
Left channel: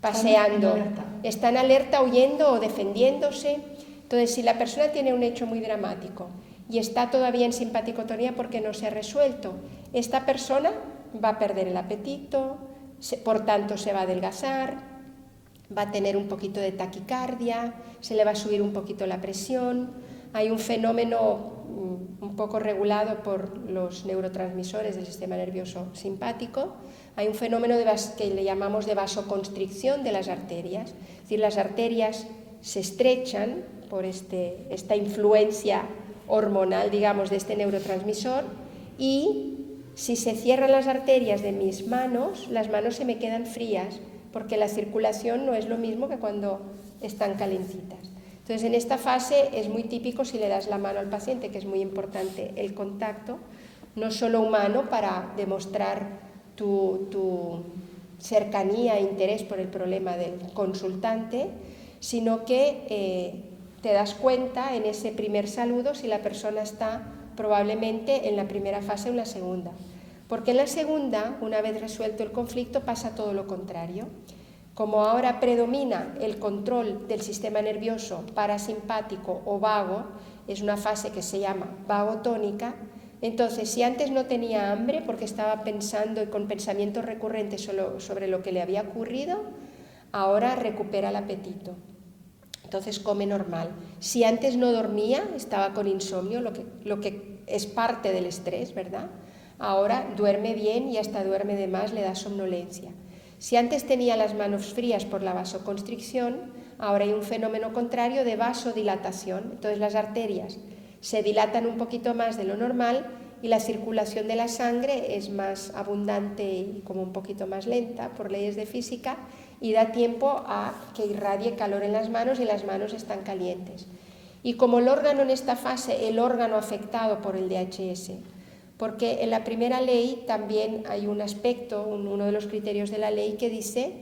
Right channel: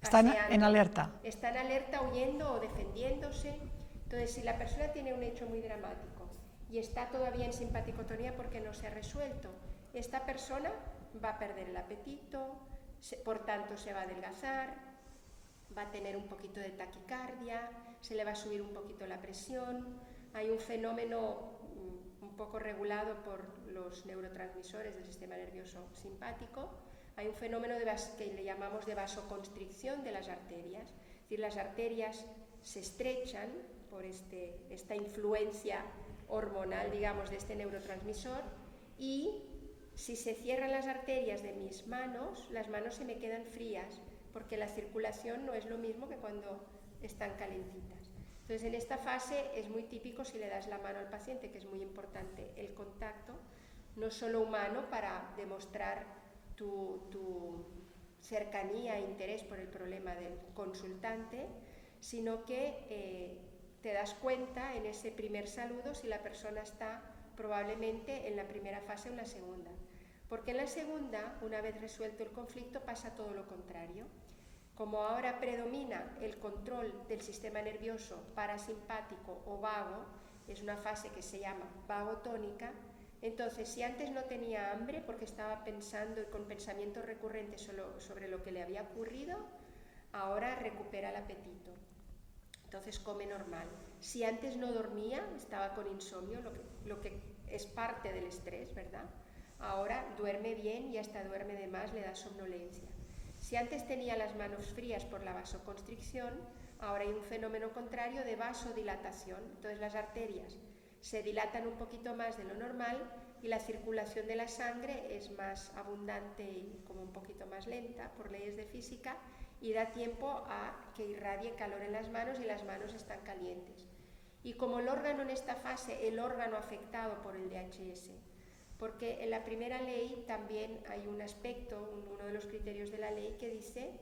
paseando. Está en alerta. Está en alerta, huyendo o defendiéndose. Entonces, si la persona tiene un hecho muy dramático y está todavía en simpaticotonía porque no se ha resuelto, esta persona va a perder el apetito, por tanto se va a adelgazar, va a tener un poquito de taquicardia, se le va a subir un poquito la presión. Hay un fenómeno un poco regulado por los neurotransmisores del sistema nervioso simpático. Hay un fenómeno que le llamamos de vasoconstricción de las arterias. Es decir, las arterias se estrechan por esta influencia hormonal, digamos, de este neurotransmisor, y si se cierran las arterias de mis manos, las manos se me quedan frías, porque la circulación no es lo mismo que cuando están calentitas. Entonces, en esta fase es muy típico, si le das la mano al paciente, que es muy importante el contacto, no solo humano para demostrar tu cercanía e interés por el problema del consultante, sino que te das cuenta en ese primer saludo si la persona está probablemente en la primera fase o en la segunda. Porque en la segunda, una vez resuelto el conflicto, pasa todo lo contrario. Como ahora predomina el control del sistema nervioso parasimpático o vago, es una fase que se llama vagotónica, entonces si antes no tenía hambre porque estaba pensando y con pensamientos recurrentes sobre lo que le había ocurrido, ahora recupera el apetito. Entonces come normal. Si antes no dormía, estaba con insomnio, lo que es parte del estrés, ¿verdad? ahora duerme bien y hasta duerme de más, le da somnolencia. Si antes tenía las manos frías por la vasoconstricción, ahora hay un fenómeno contrario de vasodilatación. Entonces las arterias se dilatan un poquito más de lo normal y la circulación de la sangre es más abundante y como un poquito más lenta por leyes de física y da tiempo a que irradie calor en las manos y las manos están calientes. Y como el órgano en esta fase, el órgano afectado por el DHS, porque en la primera ley también hay un aspecto, uno de los criterios de la ley que dice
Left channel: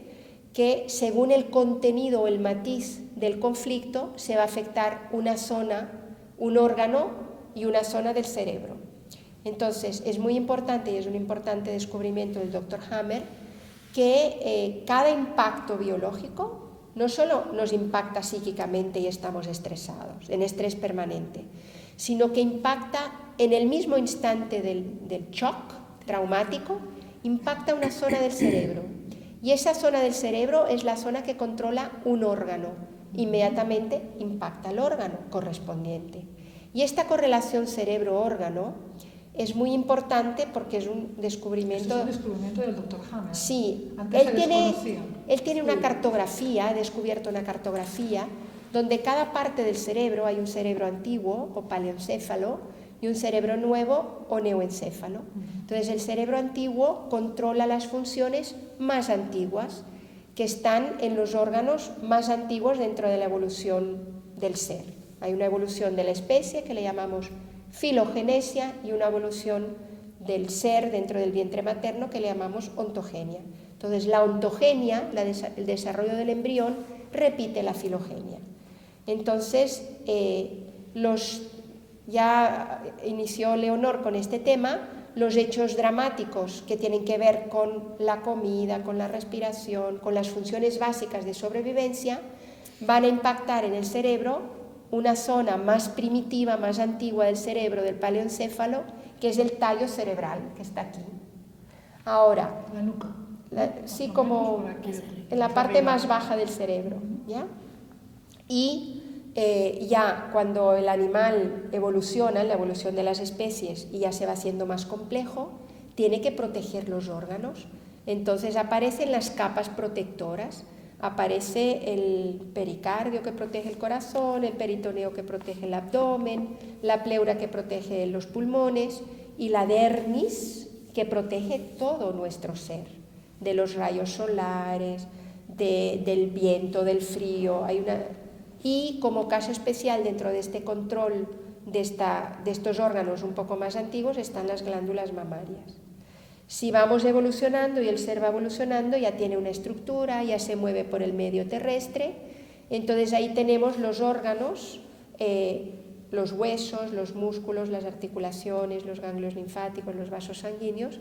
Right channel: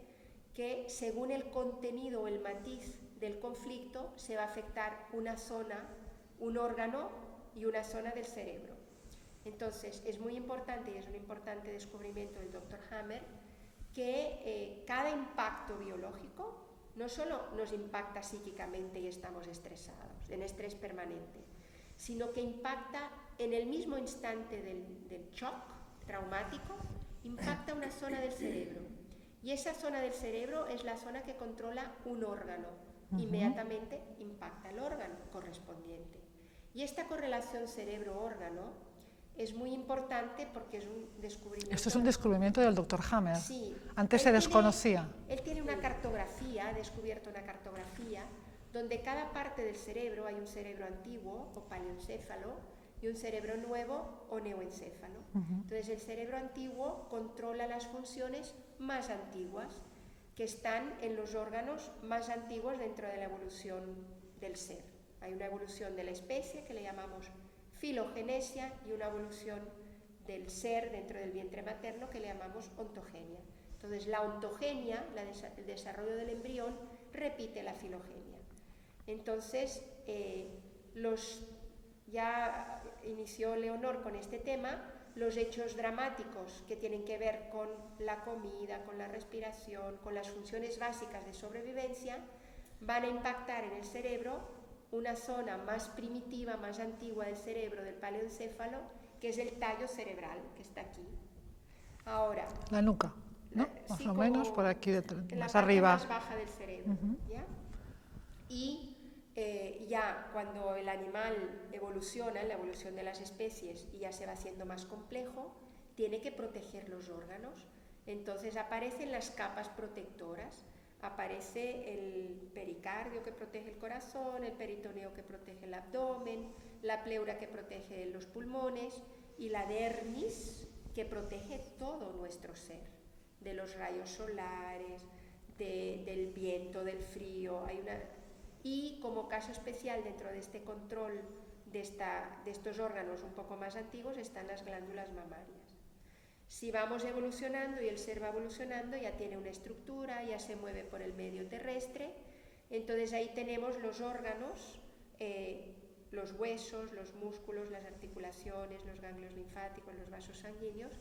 que según el contenido o el matiz del conflicto se va a afectar una zona, un órgano y una zona del cerebro. Entonces es muy importante y es un importante descubrimiento del Dr. Hammer que cada impacto biológico no solo nos impacta psíquicamente y estamos estresados, en estrés permanente, sino que impacta en el mismo instante del shock traumático, impacta una zona del cerebro. Y esa zona del cerebro es la zona que controla un órgano. Inmediatamente impacta el órgano correspondiente. Y esta correlación cerebro-órgano es muy importante porque es un descubrimiento... Esto es un descubrimiento del Dr. Hammer. Sí. Antes se desconocía. Él tiene una cartografía, ha descubierto una cartografía donde cada parte del cerebro, hay un cerebro antiguo o paleoencéfalo y un cerebro nuevo o neoencéfalo. Entonces el cerebro antiguo controla las funciones más antiguas que están en los órganos más antiguos dentro de la evolución del ser. Hay una evolución de la especie que le llamamos filogenesia y una evolución del ser dentro del vientre materno que le llamamos ontogenia. Entonces la ontogenia, el desarrollo del embrión, repite la filogenia. Entonces ya inició Leonor con este tema, los hechos dramáticos que tienen que ver con la comida, con la respiración, con las funciones básicas de sobrevivencia, van a impactar en el cerebro una zona más primitiva, más antigua del cerebro, del paleoencéfalo, que es el tallo cerebral, que está aquí. Ahora, la nuca. Sí, como en la parte más baja del cerebro, ¿ya? Y ya cuando el animal evoluciona, la evolución de las especies, y ya se va haciendo más complejo, tiene que proteger los órganos. Entonces aparecen las capas protectoras, aparece el pericardio que protege el corazón, el peritoneo que protege el abdomen, la pleura que protege los pulmones y la dermis que protege todo nuestro ser, de los rayos solares, del viento, del frío. Y como caso especial dentro de este control de estos órganos un poco más antiguos están las glándulas mamarias. Si vamos evolucionando y el ser va evolucionando, ya tiene una estructura, ya se mueve por el medio terrestre, entonces ahí tenemos los órganos, los huesos, los músculos, las articulaciones, los ganglios linfáticos, los vasos sanguíneos,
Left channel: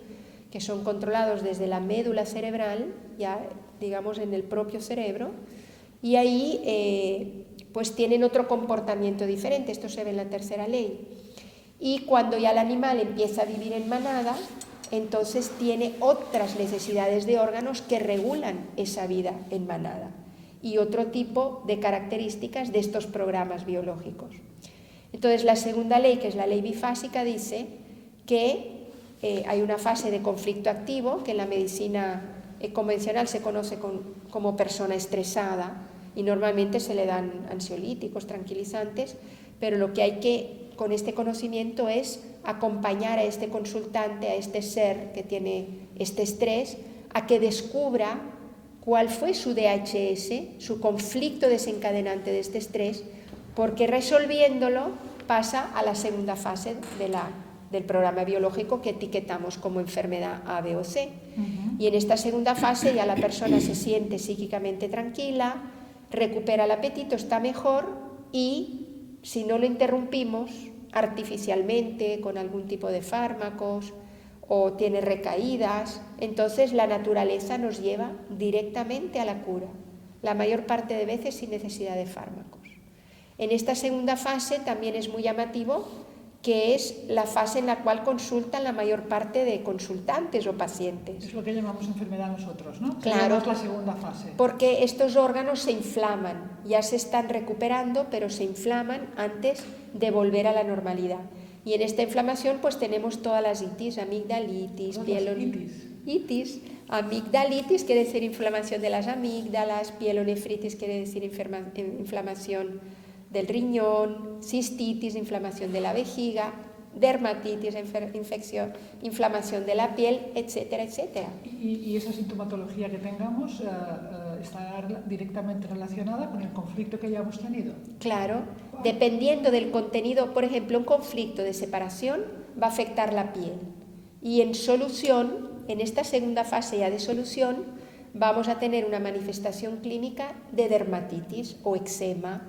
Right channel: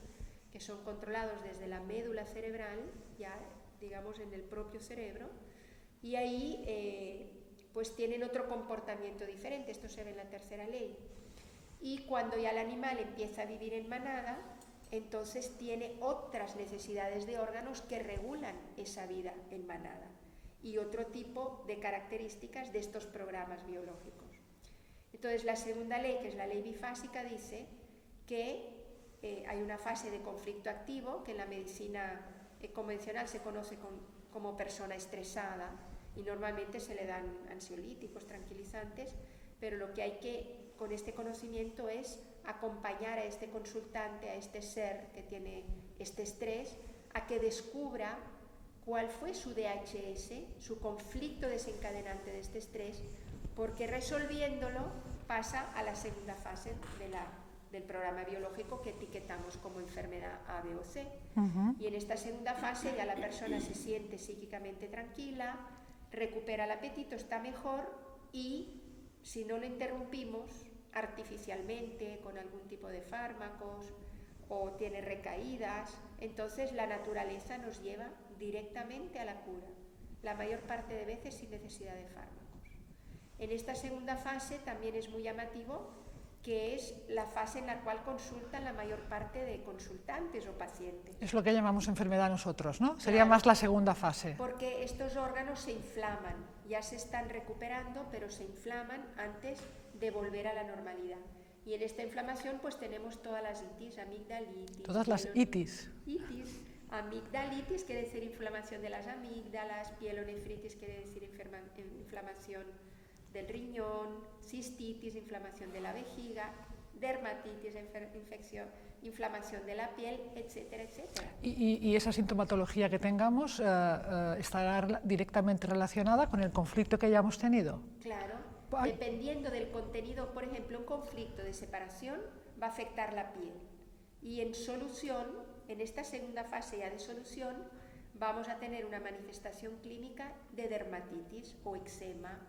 que son controlados desde la médula cerebral, ya digamos en el propio cerebro, y ahí pues tienen otro comportamiento diferente. Esto se ve en la tercera ley. Y cuando ya el animal empieza a vivir en manada, entonces tiene otras necesidades de órganos que regulan esa vida en manada y otro tipo de características de estos programas biológicos. Entonces la segunda ley, que es la ley bifásica, dice que hay una fase de conflicto activo que en la medicina convencional se conoce como persona estresada y normalmente se le dan ansiolíticos, tranquilizantes, pero lo que hay que con este conocimiento es acompañar a este consultante, a este ser que tiene este estrés, a que descubra cuál fue su DHS, su conflicto desencadenante de este estrés, porque resolviéndolo pasa a la segunda fase del programa biológico que etiquetamos como enfermedad A, B o C. Y en esta segunda fase ya la persona se siente psíquicamente tranquila, recupera el apetito, está mejor y si no lo interrumpimos artificialmente con algún tipo de fármacos o tiene recaídas, entonces la naturaleza nos lleva directamente a la cura, la mayor parte de veces sin necesidad de fármacos. En esta segunda fase también es muy llamativo que es la fase en la cual consultan la mayor parte de consultantes o pacientes. Es lo que llamamos enfermedad nosotros, ¿no? Claro, sería más la segunda fase. Porque estos órganos se inflaman, ya se están recuperando, pero se inflaman antes de volver a la normalidad. Y en esta inflamación pues tenemos todas las itis, amigdalitis, Todas las itis. itis. Amigdalitis quiere decir inflamación de las amígdalas, pielonefritis quiere decir inflamación del riñón, cistitis, inflamación de la vejiga, dermatitis, inflamación de la piel, etcétera, etcétera. Y esa sintomatología que tengamos estará directamente relacionada con el conflicto que hayamos tenido. Claro, dependiendo del contenido, por ejemplo, un conflicto de separación va a afectar la piel. Y en solución, en esta segunda fase ya de solución, vamos a tener una manifestación clínica de dermatitis o eczema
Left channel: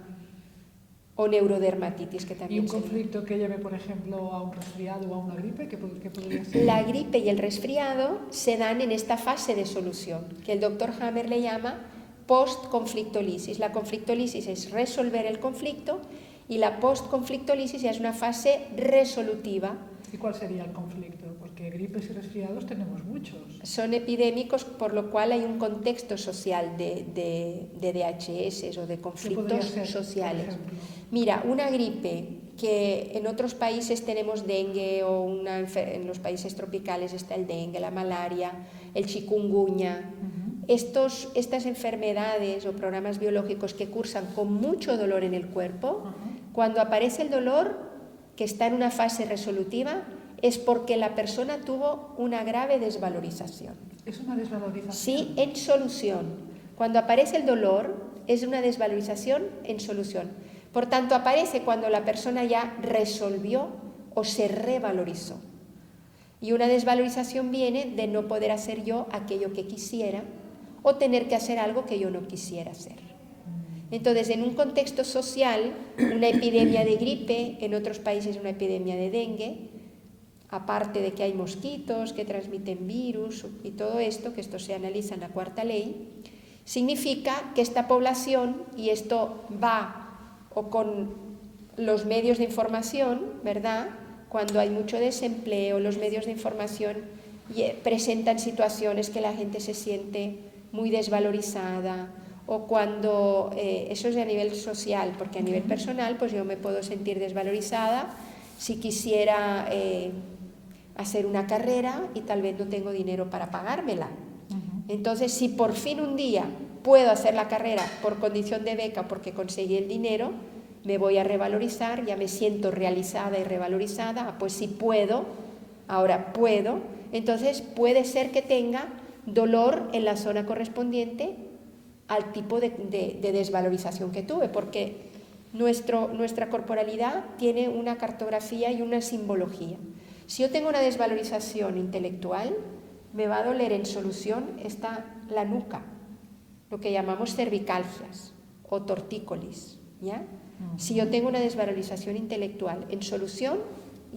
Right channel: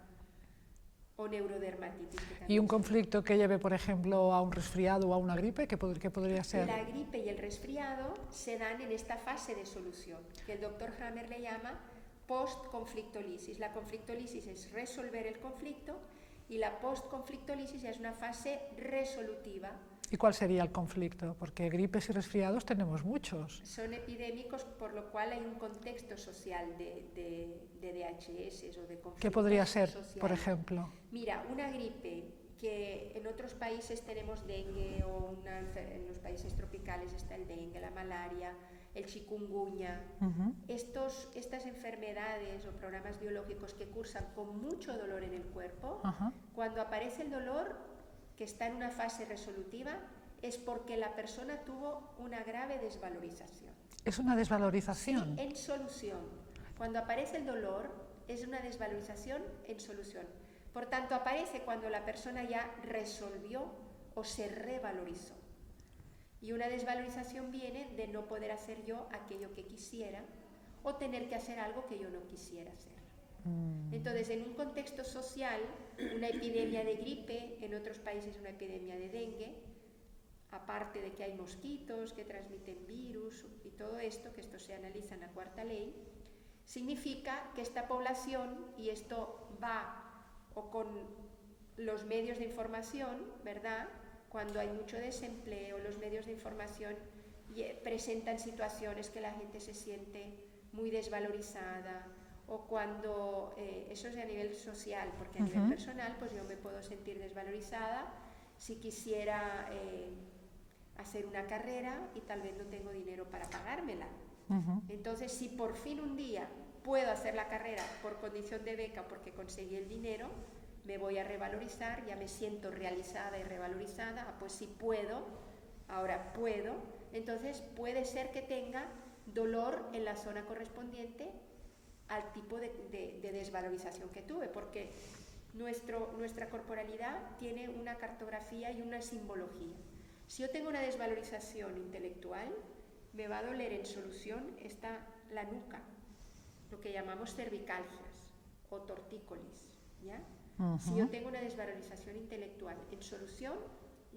o neurodermatitis, que también. ¿Y un conflicto que lleve, por ejemplo, a un resfriado o a una gripe? ¿Qué podría ser? La gripe y el resfriado se dan en esta fase de solución, que el doctor Hammer le llama post-conflictolisis. La conflictolisis es resolver el conflicto y la post-conflictolisis ya es una fase resolutiva. ¿Y cuál sería el conflicto? Porque gripes y resfriados tenemos muchos. Son epidémicos, por lo cual hay un contexto social de DHS o de conflictos ¿Qué podría ser, sociales. por ejemplo? Mira, una gripe que en otros países tenemos dengue o en los países tropicales está el dengue, la malaria, el chikungunya. Estas enfermedades o programas biológicos que cursan con mucho dolor en el cuerpo, cuando aparece el dolor que está en una fase resolutiva, es porque la persona tuvo una grave desvalorización. ¿Es una desvalorización? Sí, en solución. Cuando aparece el dolor, es una desvalorización en solución. Por tanto, aparece cuando la persona ya resolvió o se revalorizó. Y una desvalorización viene de no poder hacer yo aquello que quisiera o tener que hacer algo que yo no quisiera hacer. Entonces, en un contexto social, una epidemia de gripe, en otros países una epidemia de dengue, aparte de que hay mosquitos que transmiten virus y todo esto, que esto se analiza en la cuarta ley, significa que esta población, y esto va o con los medios de información, ¿verdad? Cuando hay mucho desempleo, los medios de información presentan situaciones que la gente se siente muy desvalorizada, o cuando, eso es a nivel social, porque a nivel personal pues yo me puedo sentir desvalorizada si quisiera hacer una carrera y tal vez no tengo dinero para pagármela. Entonces, si por fin un día puedo hacer la carrera por condición de beca porque conseguí el dinero, me voy a revalorizar, ya me siento realizada y revalorizada, pues si puedo, ahora puedo, entonces puede ser que tenga dolor en la zona correspondiente al tipo de desvalorización que tuve, porque nuestra corporalidad tiene una cartografía y una simbología. Si yo tengo una desvalorización intelectual, me va a doler en solución la nuca, lo que llamamos cervicalgias o tortícolis, ¿ya? Si yo tengo una desvalorización intelectual en solución,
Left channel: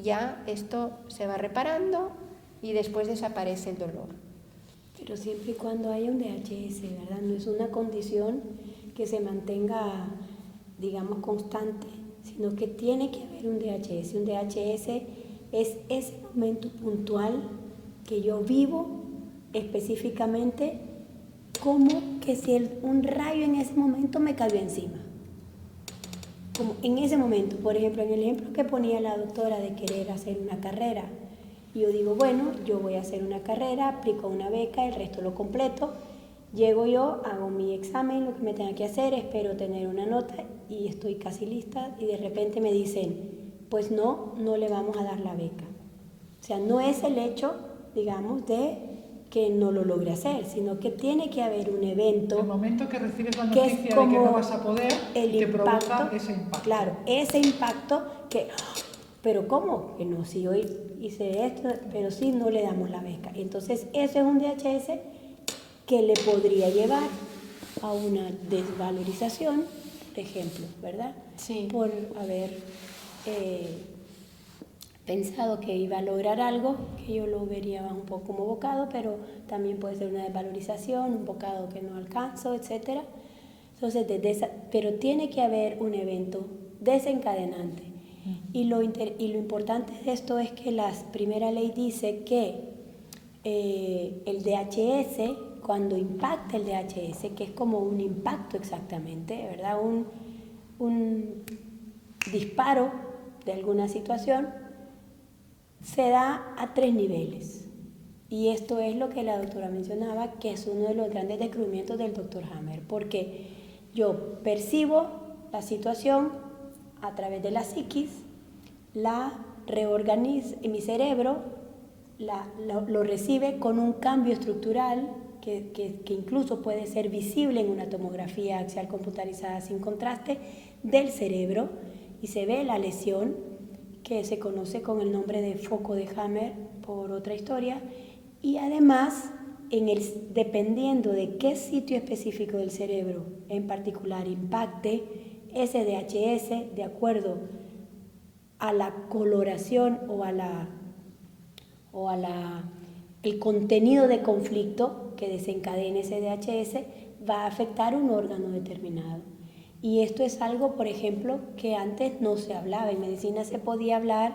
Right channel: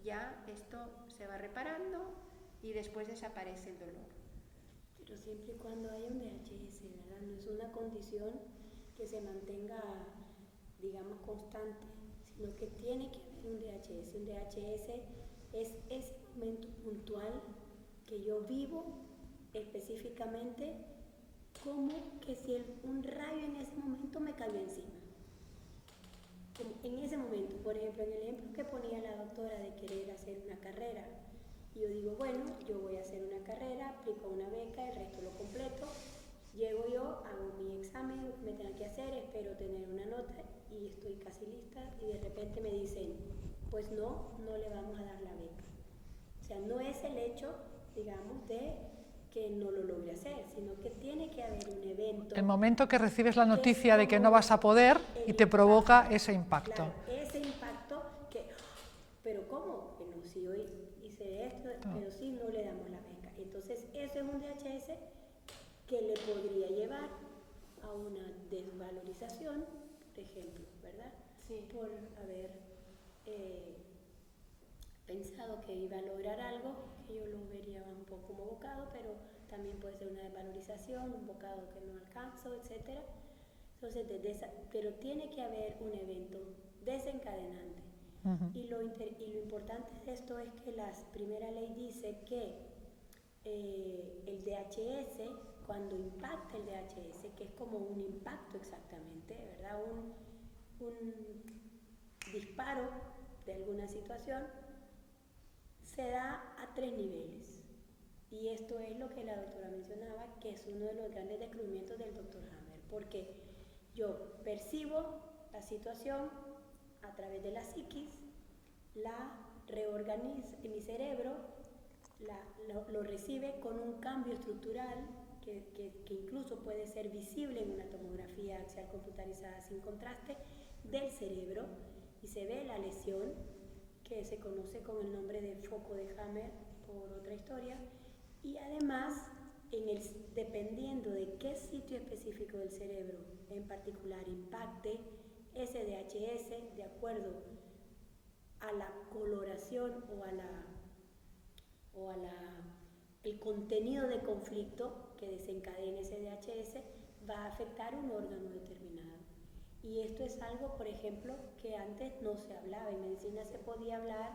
ya esto se va reparando y después desaparece el dolor. Pero siempre y cuando haya un DHS, ¿verdad? No es una condición que se mantenga, digamos, constante, sino que tiene que haber un DHS. Un DHS es ese momento puntual que yo vivo específicamente, como que si un rayo en ese momento me cayó encima. Como en ese momento, por ejemplo, en el ejemplo que ponía la doctora de querer hacer una carrera, yo digo, bueno, yo voy a hacer una carrera, aplico una beca, el resto lo completo, llego yo, hago mi examen, lo que me tenga que hacer, espero tener una nota y estoy casi lista y de repente me dicen, pues no le vamos a dar la beca. O sea, no es el hecho, digamos, de que no lo logre hacer, sino que tiene que haber un evento. El momento que recibes la noticia de que no vas a poder y te provoca ese impacto. Claro, ese impacto que... Pero ¿cómo? Que no, si hoy hice esto, pero sí no le damos la beca. Entonces, eso es un DHS que le podría llevar a una desvalorización, por ejemplo, ¿verdad? Sí. Por haber pensado que iba a lograr algo, que yo lo vería un poco como bocado, pero también puede ser una desvalorización, un bocado que no alcanzo, etc. Entonces, pero tiene que haber un evento desencadenante. Y lo importante de esto es que la primera ley dice que el DHS, cuando impacta el DHS, que es como un impacto exactamente, ¿verdad? Un disparo de alguna situación, se da a 3 niveles. Y esto es lo que la doctora mencionaba, que es uno de los grandes descubrimientos del doctor Hammer, porque yo percibo la situación a través de la psiquis, la reorganizo en mi cerebro, lo recibe con un cambio estructural que incluso puede ser visible en una tomografía axial computarizada sin contraste del cerebro, y se ve la lesión que se conoce con el nombre de foco de Hammer por otra historia, y además dependiendo de qué sitio específico del cerebro en particular impacte ese DHS de acuerdo a la coloración o el contenido de conflicto que desencadene ese DHS, va a afectar un órgano determinado. Y esto es algo, por ejemplo, que antes no se hablaba. En medicina se podía hablar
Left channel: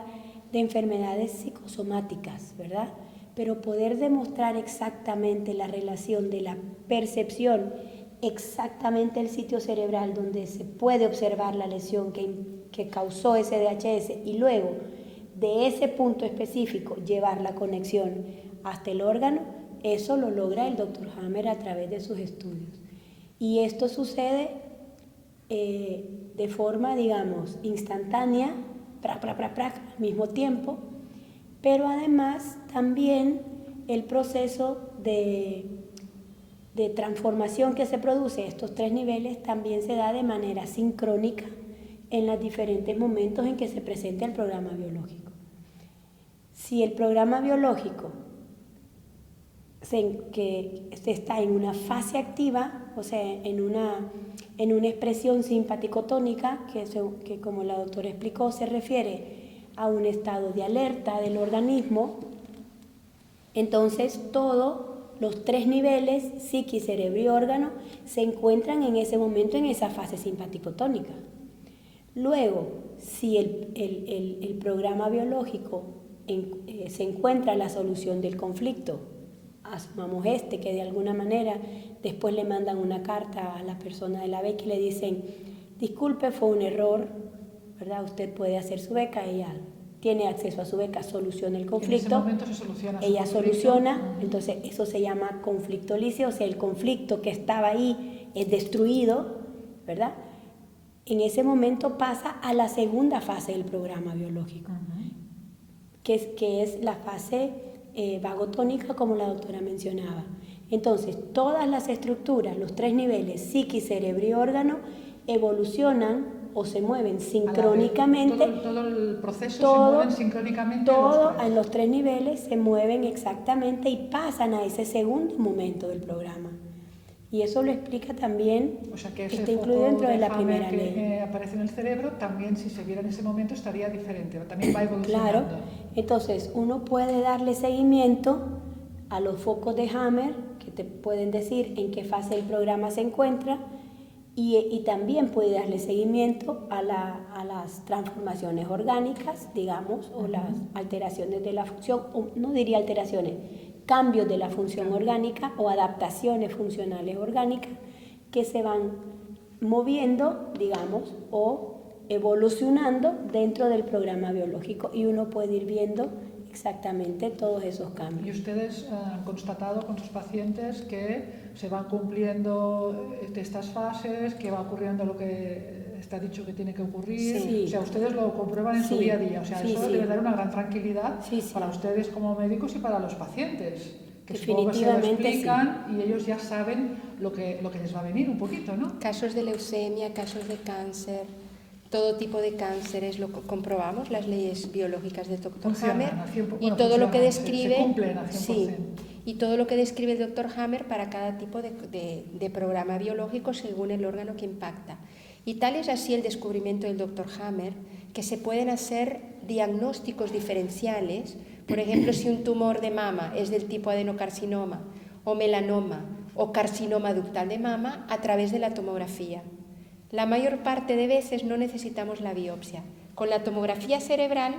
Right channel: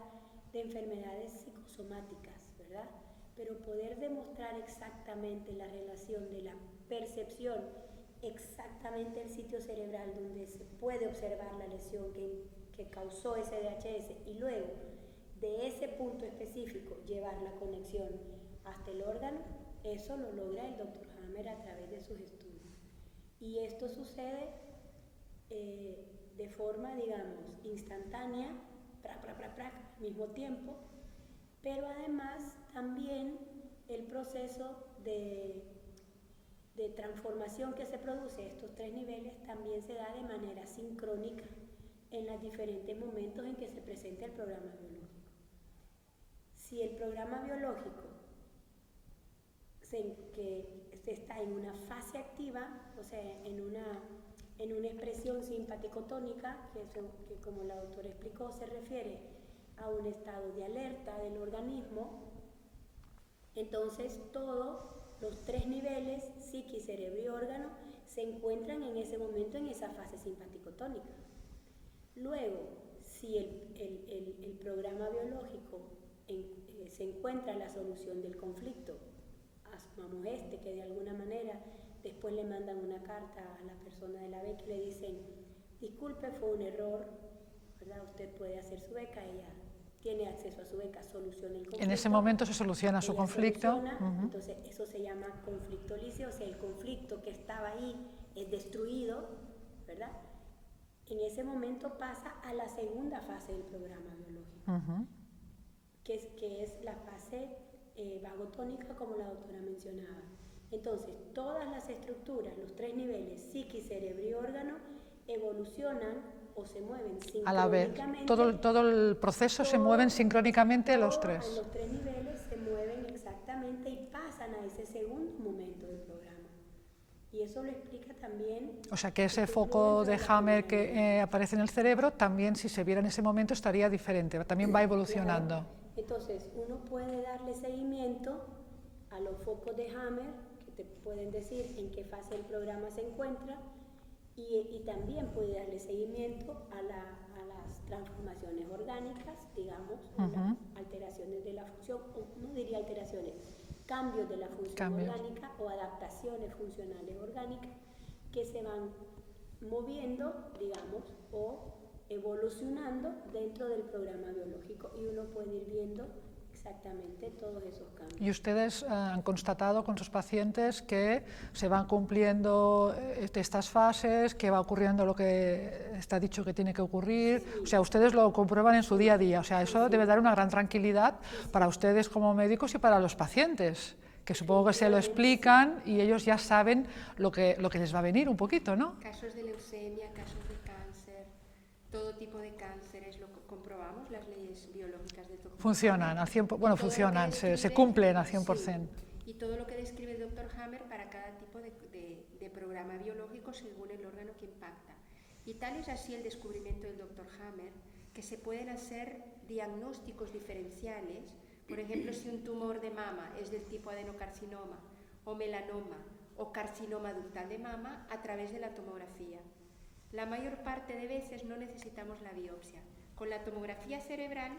de enfermedades psicosomáticas, ¿verdad? Pero poder demostrar exactamente la relación de la percepción, exactamente el sitio cerebral donde se puede observar la lesión que causó ese DHS, y luego de ese punto específico llevar la conexión hasta el órgano, eso lo logra el Dr. Hammer a través de sus estudios. Y esto sucede de forma, digamos, instantánea, al mismo tiempo, pero además también el proceso de transformación que se produce en estos 3 niveles también se da de manera sincrónica en los diferentes momentos en que se presenta el programa biológico. Si el programa biológico que está en una fase activa, o sea, en una expresión simpaticotónica, que como la doctora explicó, se refiere a un estado de alerta del organismo, entonces todos los 3 niveles, psiquis, cerebro y órgano, se encuentran en ese momento en esa fase simpaticotónica. Luego, si el programa biológico se encuentra la solución del conflicto, asumamos que de alguna manera después le mandan una carta a la persona de la beca y le dicen, disculpe, fue un error, ¿verdad? Usted puede hacer su beca, ella tiene acceso a su beca, soluciona el conflicto. En ese momento se soluciona su ella conflicto. Soluciona, entonces eso se llama conflicto lícito, o sea, el conflicto que estaba ahí es destruido, ¿verdad? En ese momento pasa a la segunda fase del programa biológico, que es la fase vagotónica, como la doctora mencionaba. Entonces, todas las estructuras, los 3 niveles, psiquis, cerebro y órgano, evolucionan o se mueven sincrónicamente. Todo el proceso se mueve sincrónicamente en los 3 niveles se mueven exactamente y pasan a ese segundo momento del programa. Y eso lo explica también. O sea que ese foco de Hammer que aparece en el cerebro, también si se viera en ese momento estaría diferente, también va evolucionando. Claro, entonces uno puede darle seguimiento a los focos de Hammer, que te pueden decir en qué fase del programa se encuentra, y también puede darle seguimiento a las transformaciones orgánicas, digamos, o las alteraciones de la función, o no diría alteraciones, cambios de la función orgánica o adaptaciones funcionales orgánicas que se van moviendo, digamos, o evolucionando dentro del programa biológico, y uno puede ir viendo exactamente todos esos cambios. ¿Y ustedes han constatado con sus pacientes que se van cumpliendo estas fases, que va ocurriendo lo que está dicho que tiene que ocurrir? Sí. O sea, ustedes lo comprueban en su día a día. O sea, eso debe dar una gran tranquilidad para ustedes como médicos y para los pacientes, que supongo que se lo explican y ellos ya saben lo que les va a venir un poquito, ¿no? Casos de leucemia, casos de cáncer, todo tipo de cánceres, lo comprobamos, las leyes biológicas del Dr. Funcionan Hammer, al 100%, y todo lo que describe, se cumplen al 100%. Sí, y todo lo que describe el Dr. Hammer para cada tipo de programa biológico según el órgano que impacta. Y tal es así el descubrimiento del Dr. Hammer, que se pueden hacer diagnósticos diferenciales. Por ejemplo, si un tumor de mama es del tipo adenocarcinoma o melanoma o carcinoma ductal de mama, a través de la tomografía. La mayor parte de veces no necesitamos la biopsia. Con la tomografía cerebral,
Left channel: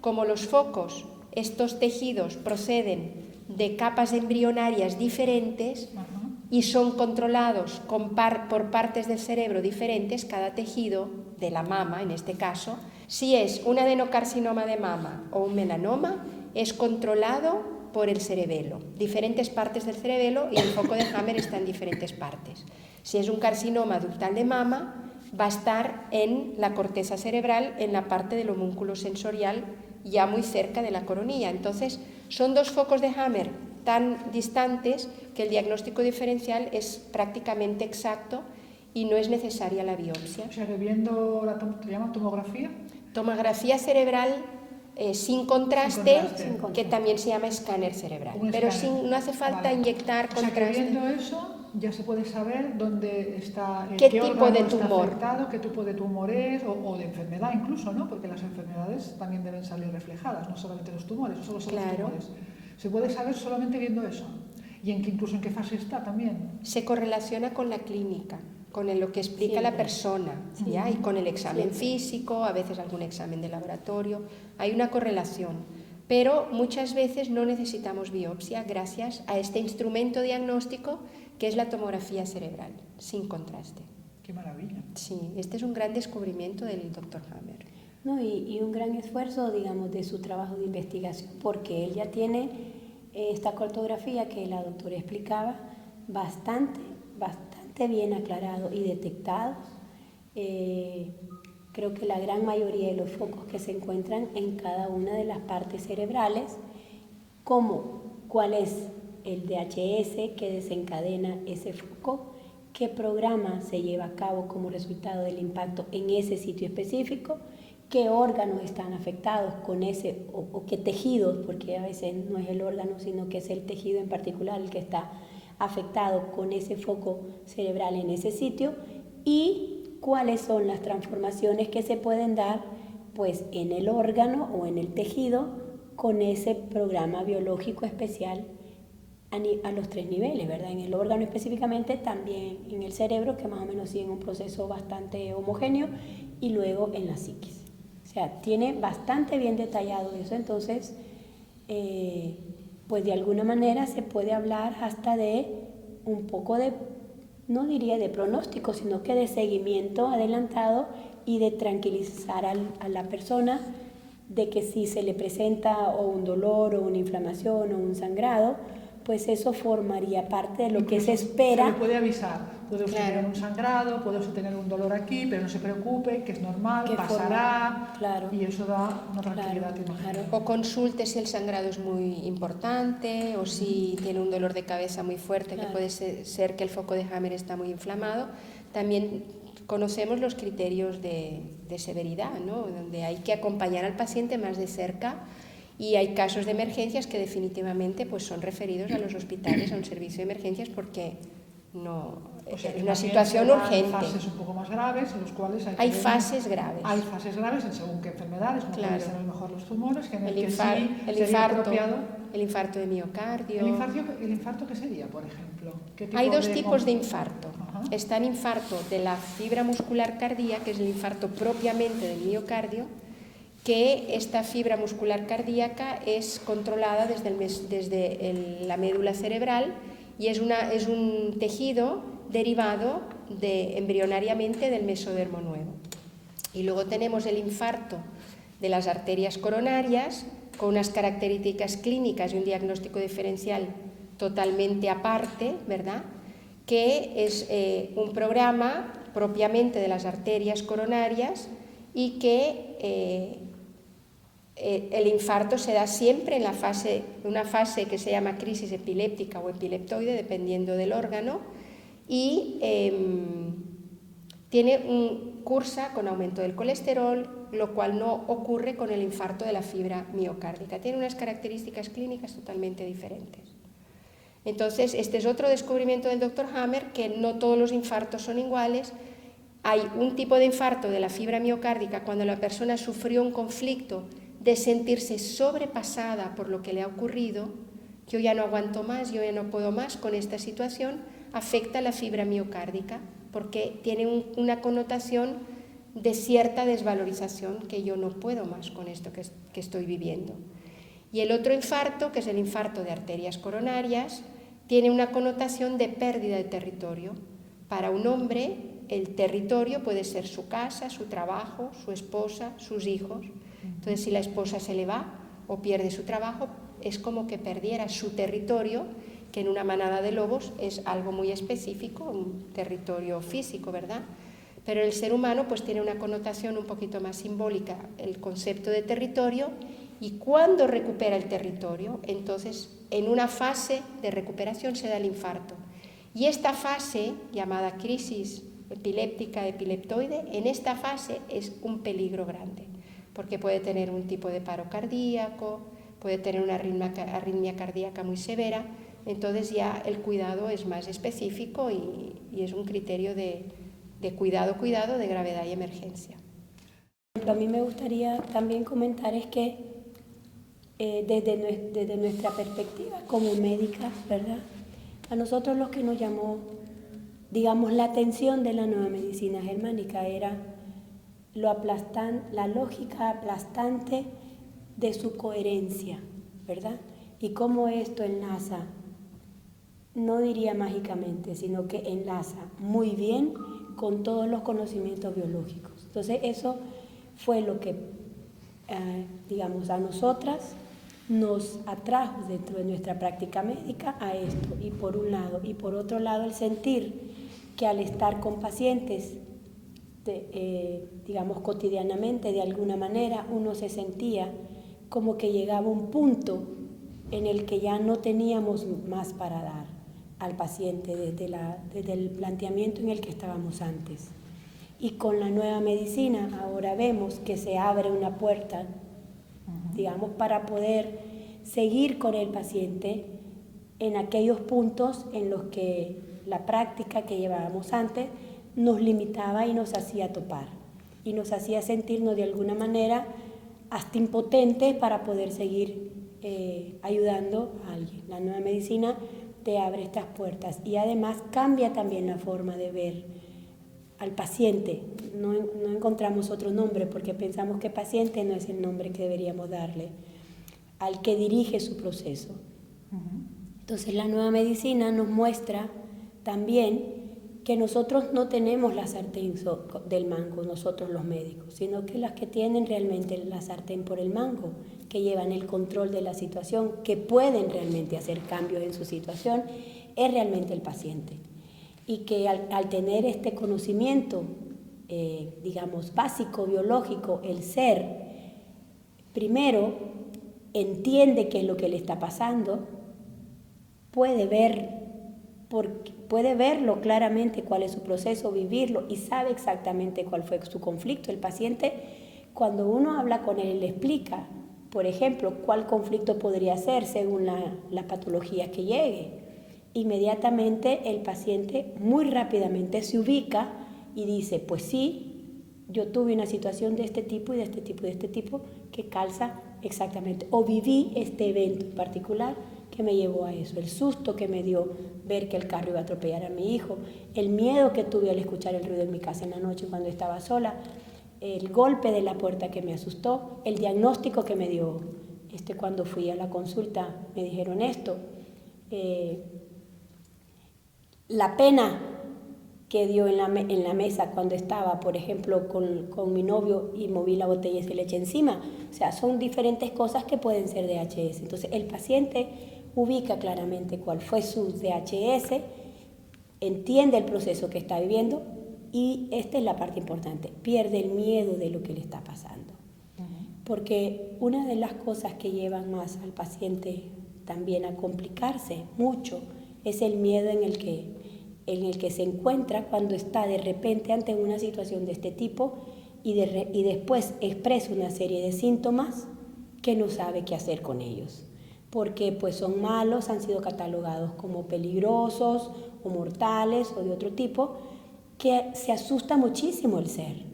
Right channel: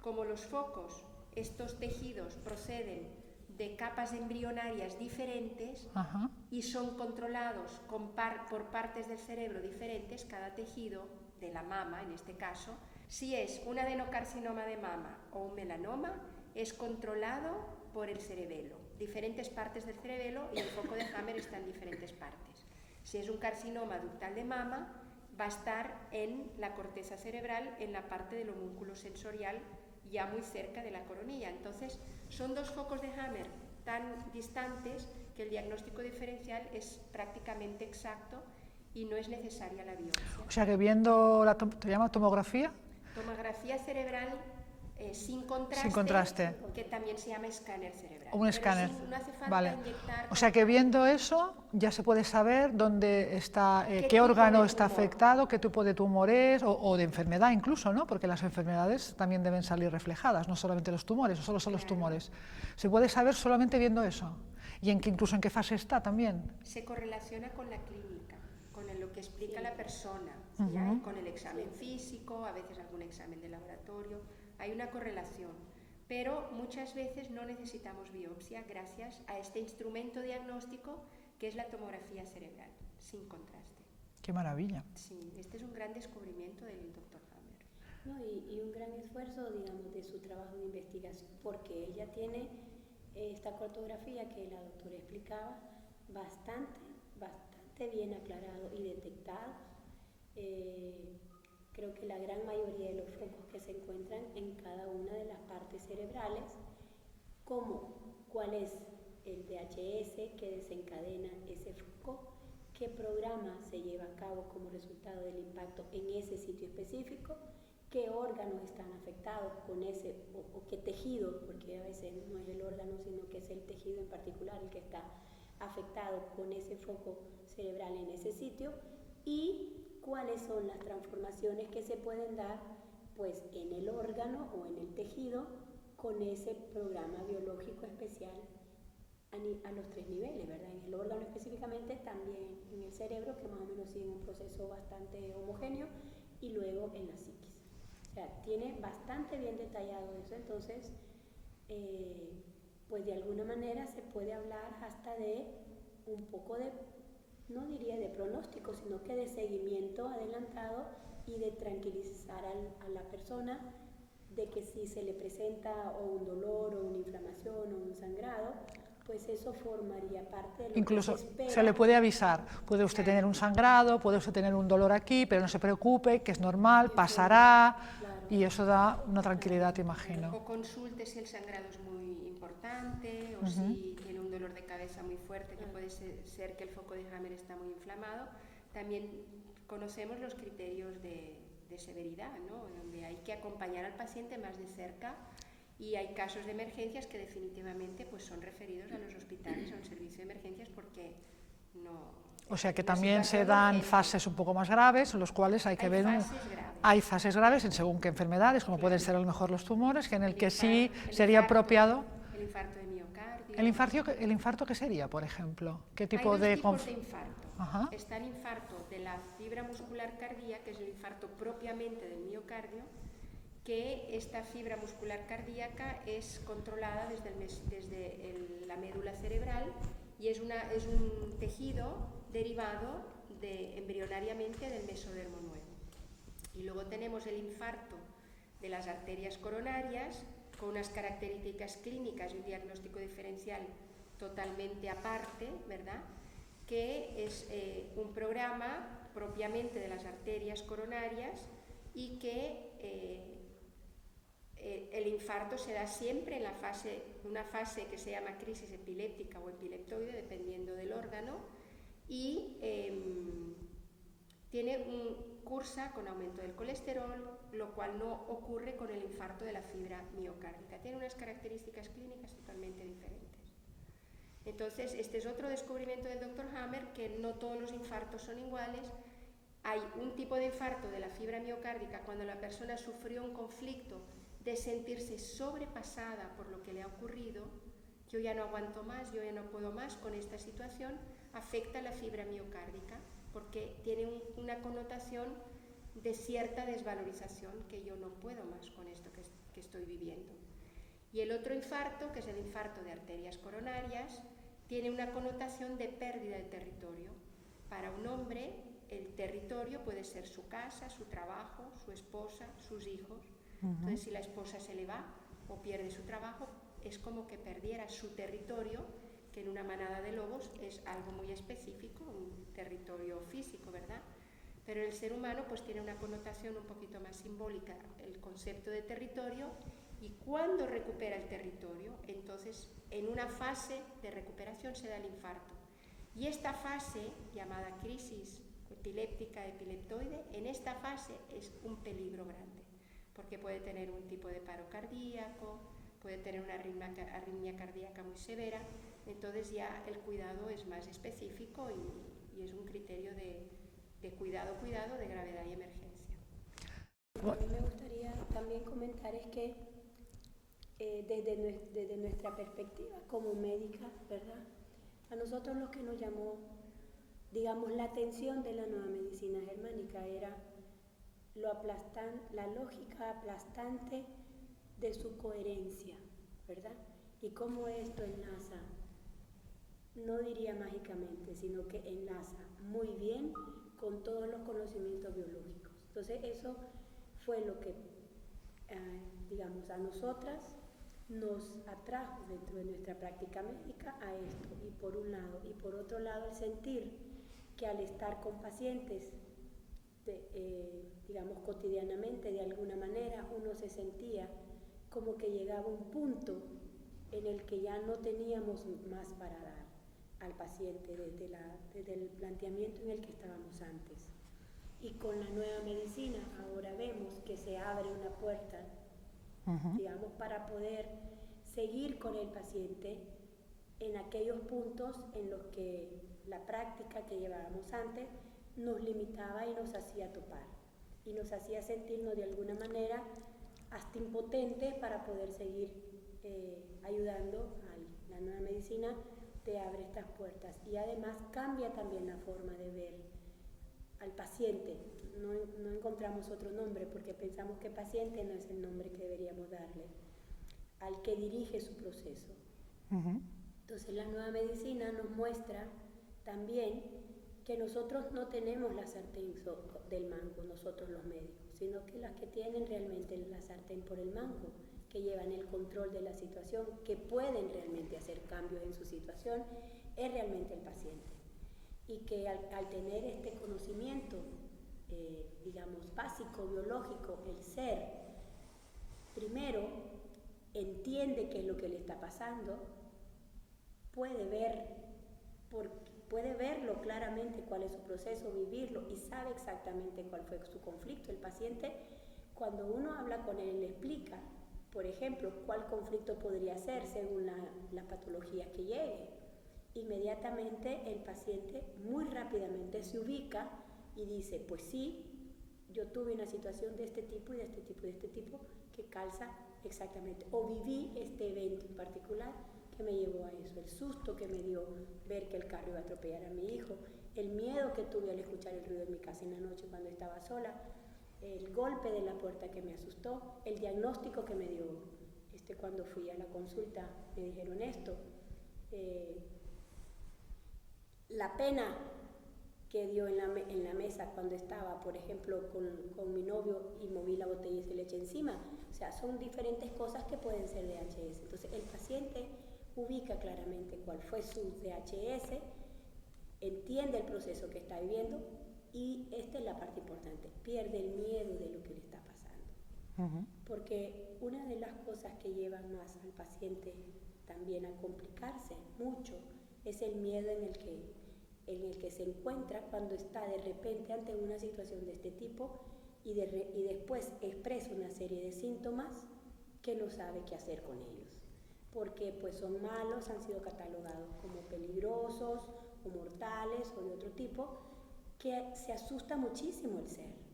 como los focos, estos tejidos proceden de capas embrionarias diferentes y son controlados por partes del cerebro diferentes, cada tejido de la mama en este caso, Si es un adenocarcinoma de mama o un melanoma, es controlado por el cerebelo, diferentes partes del cerebelo, y el foco de Hammer está en diferentes partes. Si es un carcinoma ductal de mama, va a estar en la corteza cerebral, en la parte del homúnculo sensorial, ya muy cerca de la coronilla. Entonces, son dos focos de Hammer tan distantes que el diagnóstico diferencial es prácticamente exacto y no es necesaria la biopsia. O sea que viendo ¿te llama tomografía? Tomografía cerebral sin contraste, que también se llama escáner cerebral. Pero no hace falta inyectar contraste. O sea que viendo eso ya se puede saber dónde está, qué órgano está afectado, qué tipo de tumor es, o de enfermedad incluso, ¿no? Porque las enfermedades también deben salir reflejadas, no solamente los tumores, no solo son los tumores. Se puede saber solamente viendo eso. Y incluso en qué fase está también. Se correlaciona con la clínica, con lo que explica la persona, ¿sí? Y con el examen físico, a veces algún examen de laboratorio. Hay una correlación, pero muchas veces no necesitamos biopsia gracias a este instrumento diagnóstico que es la tomografía cerebral, sin contraste. ¡Qué maravilla! Sí, este es un gran descubrimiento del Dr. Hammer. No, y un gran esfuerzo, digamos, de su trabajo de investigación, porque él ya tiene esta cartografía que la doctora explicaba bastante bien aclarado y detectado. Creo que la gran mayoría de los focos que se encuentran en cada una de las partes cerebrales, como cuál es el DHS que desencadena ese foco, qué programa se lleva a cabo como resultado del impacto en ese sitio específico, qué órganos están afectados con ese, o qué tejidos, porque a veces no es el órgano, sino que es el tejido en particular el que está afectado con ese foco cerebral en ese sitio, y cuáles son las transformaciones que se pueden dar pues en el órgano o en el tejido con ese programa biológico especial a los 3 niveles, ¿verdad? En el órgano específicamente, también en el cerebro, que más o menos sigue un proceso bastante homogéneo, y luego en la psiquis. O sea, tiene bastante bien detallado eso. Entonces, pues de alguna manera se puede hablar hasta de un poco de, no diría de pronóstico, sino que de seguimiento adelantado y de tranquilizar a la persona de que si se le presenta o un dolor o una inflamación o un sangrado, pues eso formaría parte de lo incluso que se espera. Se le puede avisar, puede usted tener un sangrado, puede usted tener un dolor aquí, pero no se preocupe, que es normal, que pasará, y eso da una tranquilidad, te imagino. O consulte si el sangrado es muy importante, o si tiene un dolor de cabeza muy fuerte, que puede ser que el foco de Hammer está muy inflamado. También conocemos los criterios de severidad, ¿no? Donde hay que acompañar al paciente más de cerca. Y hay casos de emergencias que definitivamente pues, son referidos a los hospitales, a un servicio de emergencias, porque no, o sea que es una también situación se dan urgente. Fases un poco más graves, en los cuales hay que ver... fases graves. Hay fases graves en según qué enfermedades, como pueden ser a lo mejor los tumores, que en el que sí sería infarto, apropiado... El infarto de miocardio... ¿El infarto qué sería, por ejemplo? ¿Qué tipo hay dos tipos de infarto. Ajá. Está el infarto de la fibra muscular cardíaca, que es el infarto propiamente del miocardio, que esta fibra muscular cardíaca es controlada desde la médula cerebral y es un tejido derivado embrionariamente del mesodermo nuevo. Y luego tenemos el infarto de las arterias coronarias, con unas características clínicas y un diagnóstico diferencial totalmente aparte, ¿verdad? Que es un programa propiamente de las arterias coronarias y que el infarto se da siempre en una fase que se llama crisis epiléptica o epileptoide, dependiendo del órgano, y cursa con aumento del colesterol, lo cual no ocurre con el infarto de la fibra miocárdica. Tiene unas características clínicas totalmente diferentes. Entonces, este es otro descubrimiento del Dr. Hammer, que no todos los infartos son iguales. Hay un tipo de infarto de la fibra miocárdica cuando la persona sufrió un conflicto de sentirse sobrepasada por lo que le ha ocurrido. Yo ya no aguanto más, yo ya no puedo más con esta situación, afecta a la fibra miocárdica porque tiene una connotación de cierta desvalorización, que yo no puedo más con esto que estoy viviendo. Y el otro infarto, que es el infarto de arterias coronarias, tiene una connotación de pérdida de territorio. Para un hombre el territorio puede ser su casa, su trabajo, su esposa, sus hijos. Entonces, si la esposa se le va o pierde su trabajo, es como que perdiera su territorio, que en una manada de lobos es algo muy específico, un territorio físico, ¿verdad? Pero el ser humano pues tiene una connotación un poquito más simbólica, el concepto de territorio, y cuando recupera el territorio, entonces en una fase de recuperación se da el infarto. Y esta fase, llamada crisis epiléptica, epileptoide, en esta fase es un peligro grande, porque puede tener un tipo de paro cardíaco, puede tener una arritmia cardíaca muy severa. Entonces ya el cuidado es más específico y es un criterio de cuidado de gravedad y emergencia. A mí me gustaría también comentar es que desde nuestra perspectiva como médica, ¿verdad? A nosotros lo que nos llamó, digamos, la atención de la nueva medicina germánica era la lógica aplastante de su coherencia, ¿verdad? Y cómo esto enlaza, no diría mágicamente, sino que enlaza muy bien con todos los conocimientos biológicos. Entonces eso fue lo que, digamos, a nosotras nos atrajo dentro de nuestra práctica médica a esto, y por un lado, y por otro lado el sentir que al estar con pacientes, digamos cotidianamente, de alguna manera, uno se sentía como que llegaba un punto en el que ya no teníamos más para dar al paciente desde el planteamiento en el que estábamos antes. Y con la nueva medicina ahora vemos que se abre una puerta, digamos, para poder seguir con el paciente en aquellos puntos en los que la práctica que llevábamos antes nos limitaba y nos hacía topar y nos hacía sentirnos de alguna manera hasta impotentes para poder seguir ayudando a alguien. La nueva medicina te abre estas puertas y además cambia también la forma de ver al paciente. No encontramos otro nombre porque pensamos que paciente no es el nombre que deberíamos darle al que dirige su proceso. Entonces la nueva medicina nos muestra también que nosotros no tenemos la sartén del mango, nosotros los médicos, sino que las que tienen realmente la sartén por el mango, que llevan el control de la situación, que pueden realmente hacer cambios en su situación, es realmente el paciente. Y que al tener este conocimiento, digamos, básico, biológico, el ser, primero entiende qué es lo que le está pasando, puede verlo claramente cuál es su proceso, vivirlo y sabe exactamente cuál fue su conflicto. El paciente, cuando uno habla con él, le explica, por ejemplo, cuál conflicto podría ser según la patología que llegue. Inmediatamente el paciente muy rápidamente se ubica y dice, pues sí, yo tuve una situación de este tipo y de este tipo y de este tipo que calza exactamente, o viví este evento en particular que me llevó a eso, el susto que me dio ver que el carro iba a atropellar a mi hijo, el miedo que tuve al escuchar el ruido en mi casa en la noche cuando estaba sola, el golpe de la puerta que me asustó, el diagnóstico que me dio cuando fui a la consulta, me dijeron esto, la pena que dio en la mesa cuando estaba, por ejemplo, con mi novio y moví la botella y se le eché encima. O sea, son diferentes cosas que pueden ser DHS. Entonces, el paciente ubica claramente cuál fue su DHS, entiende el proceso que está viviendo y esta es la parte importante, pierde el miedo de lo que le está pasando. Porque una de las cosas que llevan más al paciente también a complicarse mucho es el miedo en el que se encuentra cuando está de repente ante una situación de este tipo y después expresa una serie de síntomas que no sabe qué hacer con ellos, porque pues son malos, han sido catalogados como peligrosos o mortales o de otro tipo, que se asusta muchísimo el ser.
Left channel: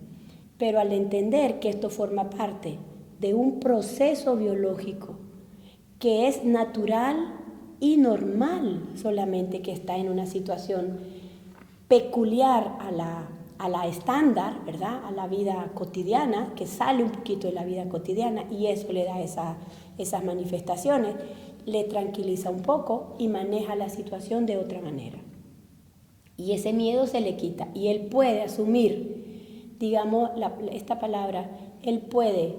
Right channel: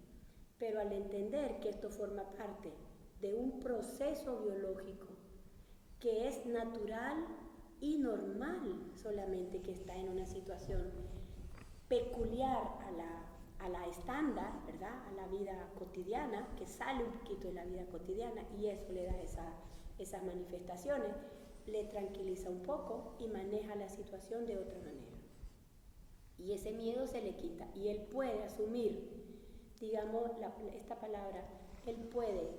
Pero al entender que esto forma parte de un proceso biológico que es natural y normal, solamente que está en una situación peculiar a la estándar, ¿verdad? A la vida cotidiana, que sale un poquito de la vida cotidiana y eso le da esas manifestaciones, le tranquiliza un poco y maneja la situación de otra manera. y ese miedo se le quita y él puede asumir, digamos, esta palabra, él puede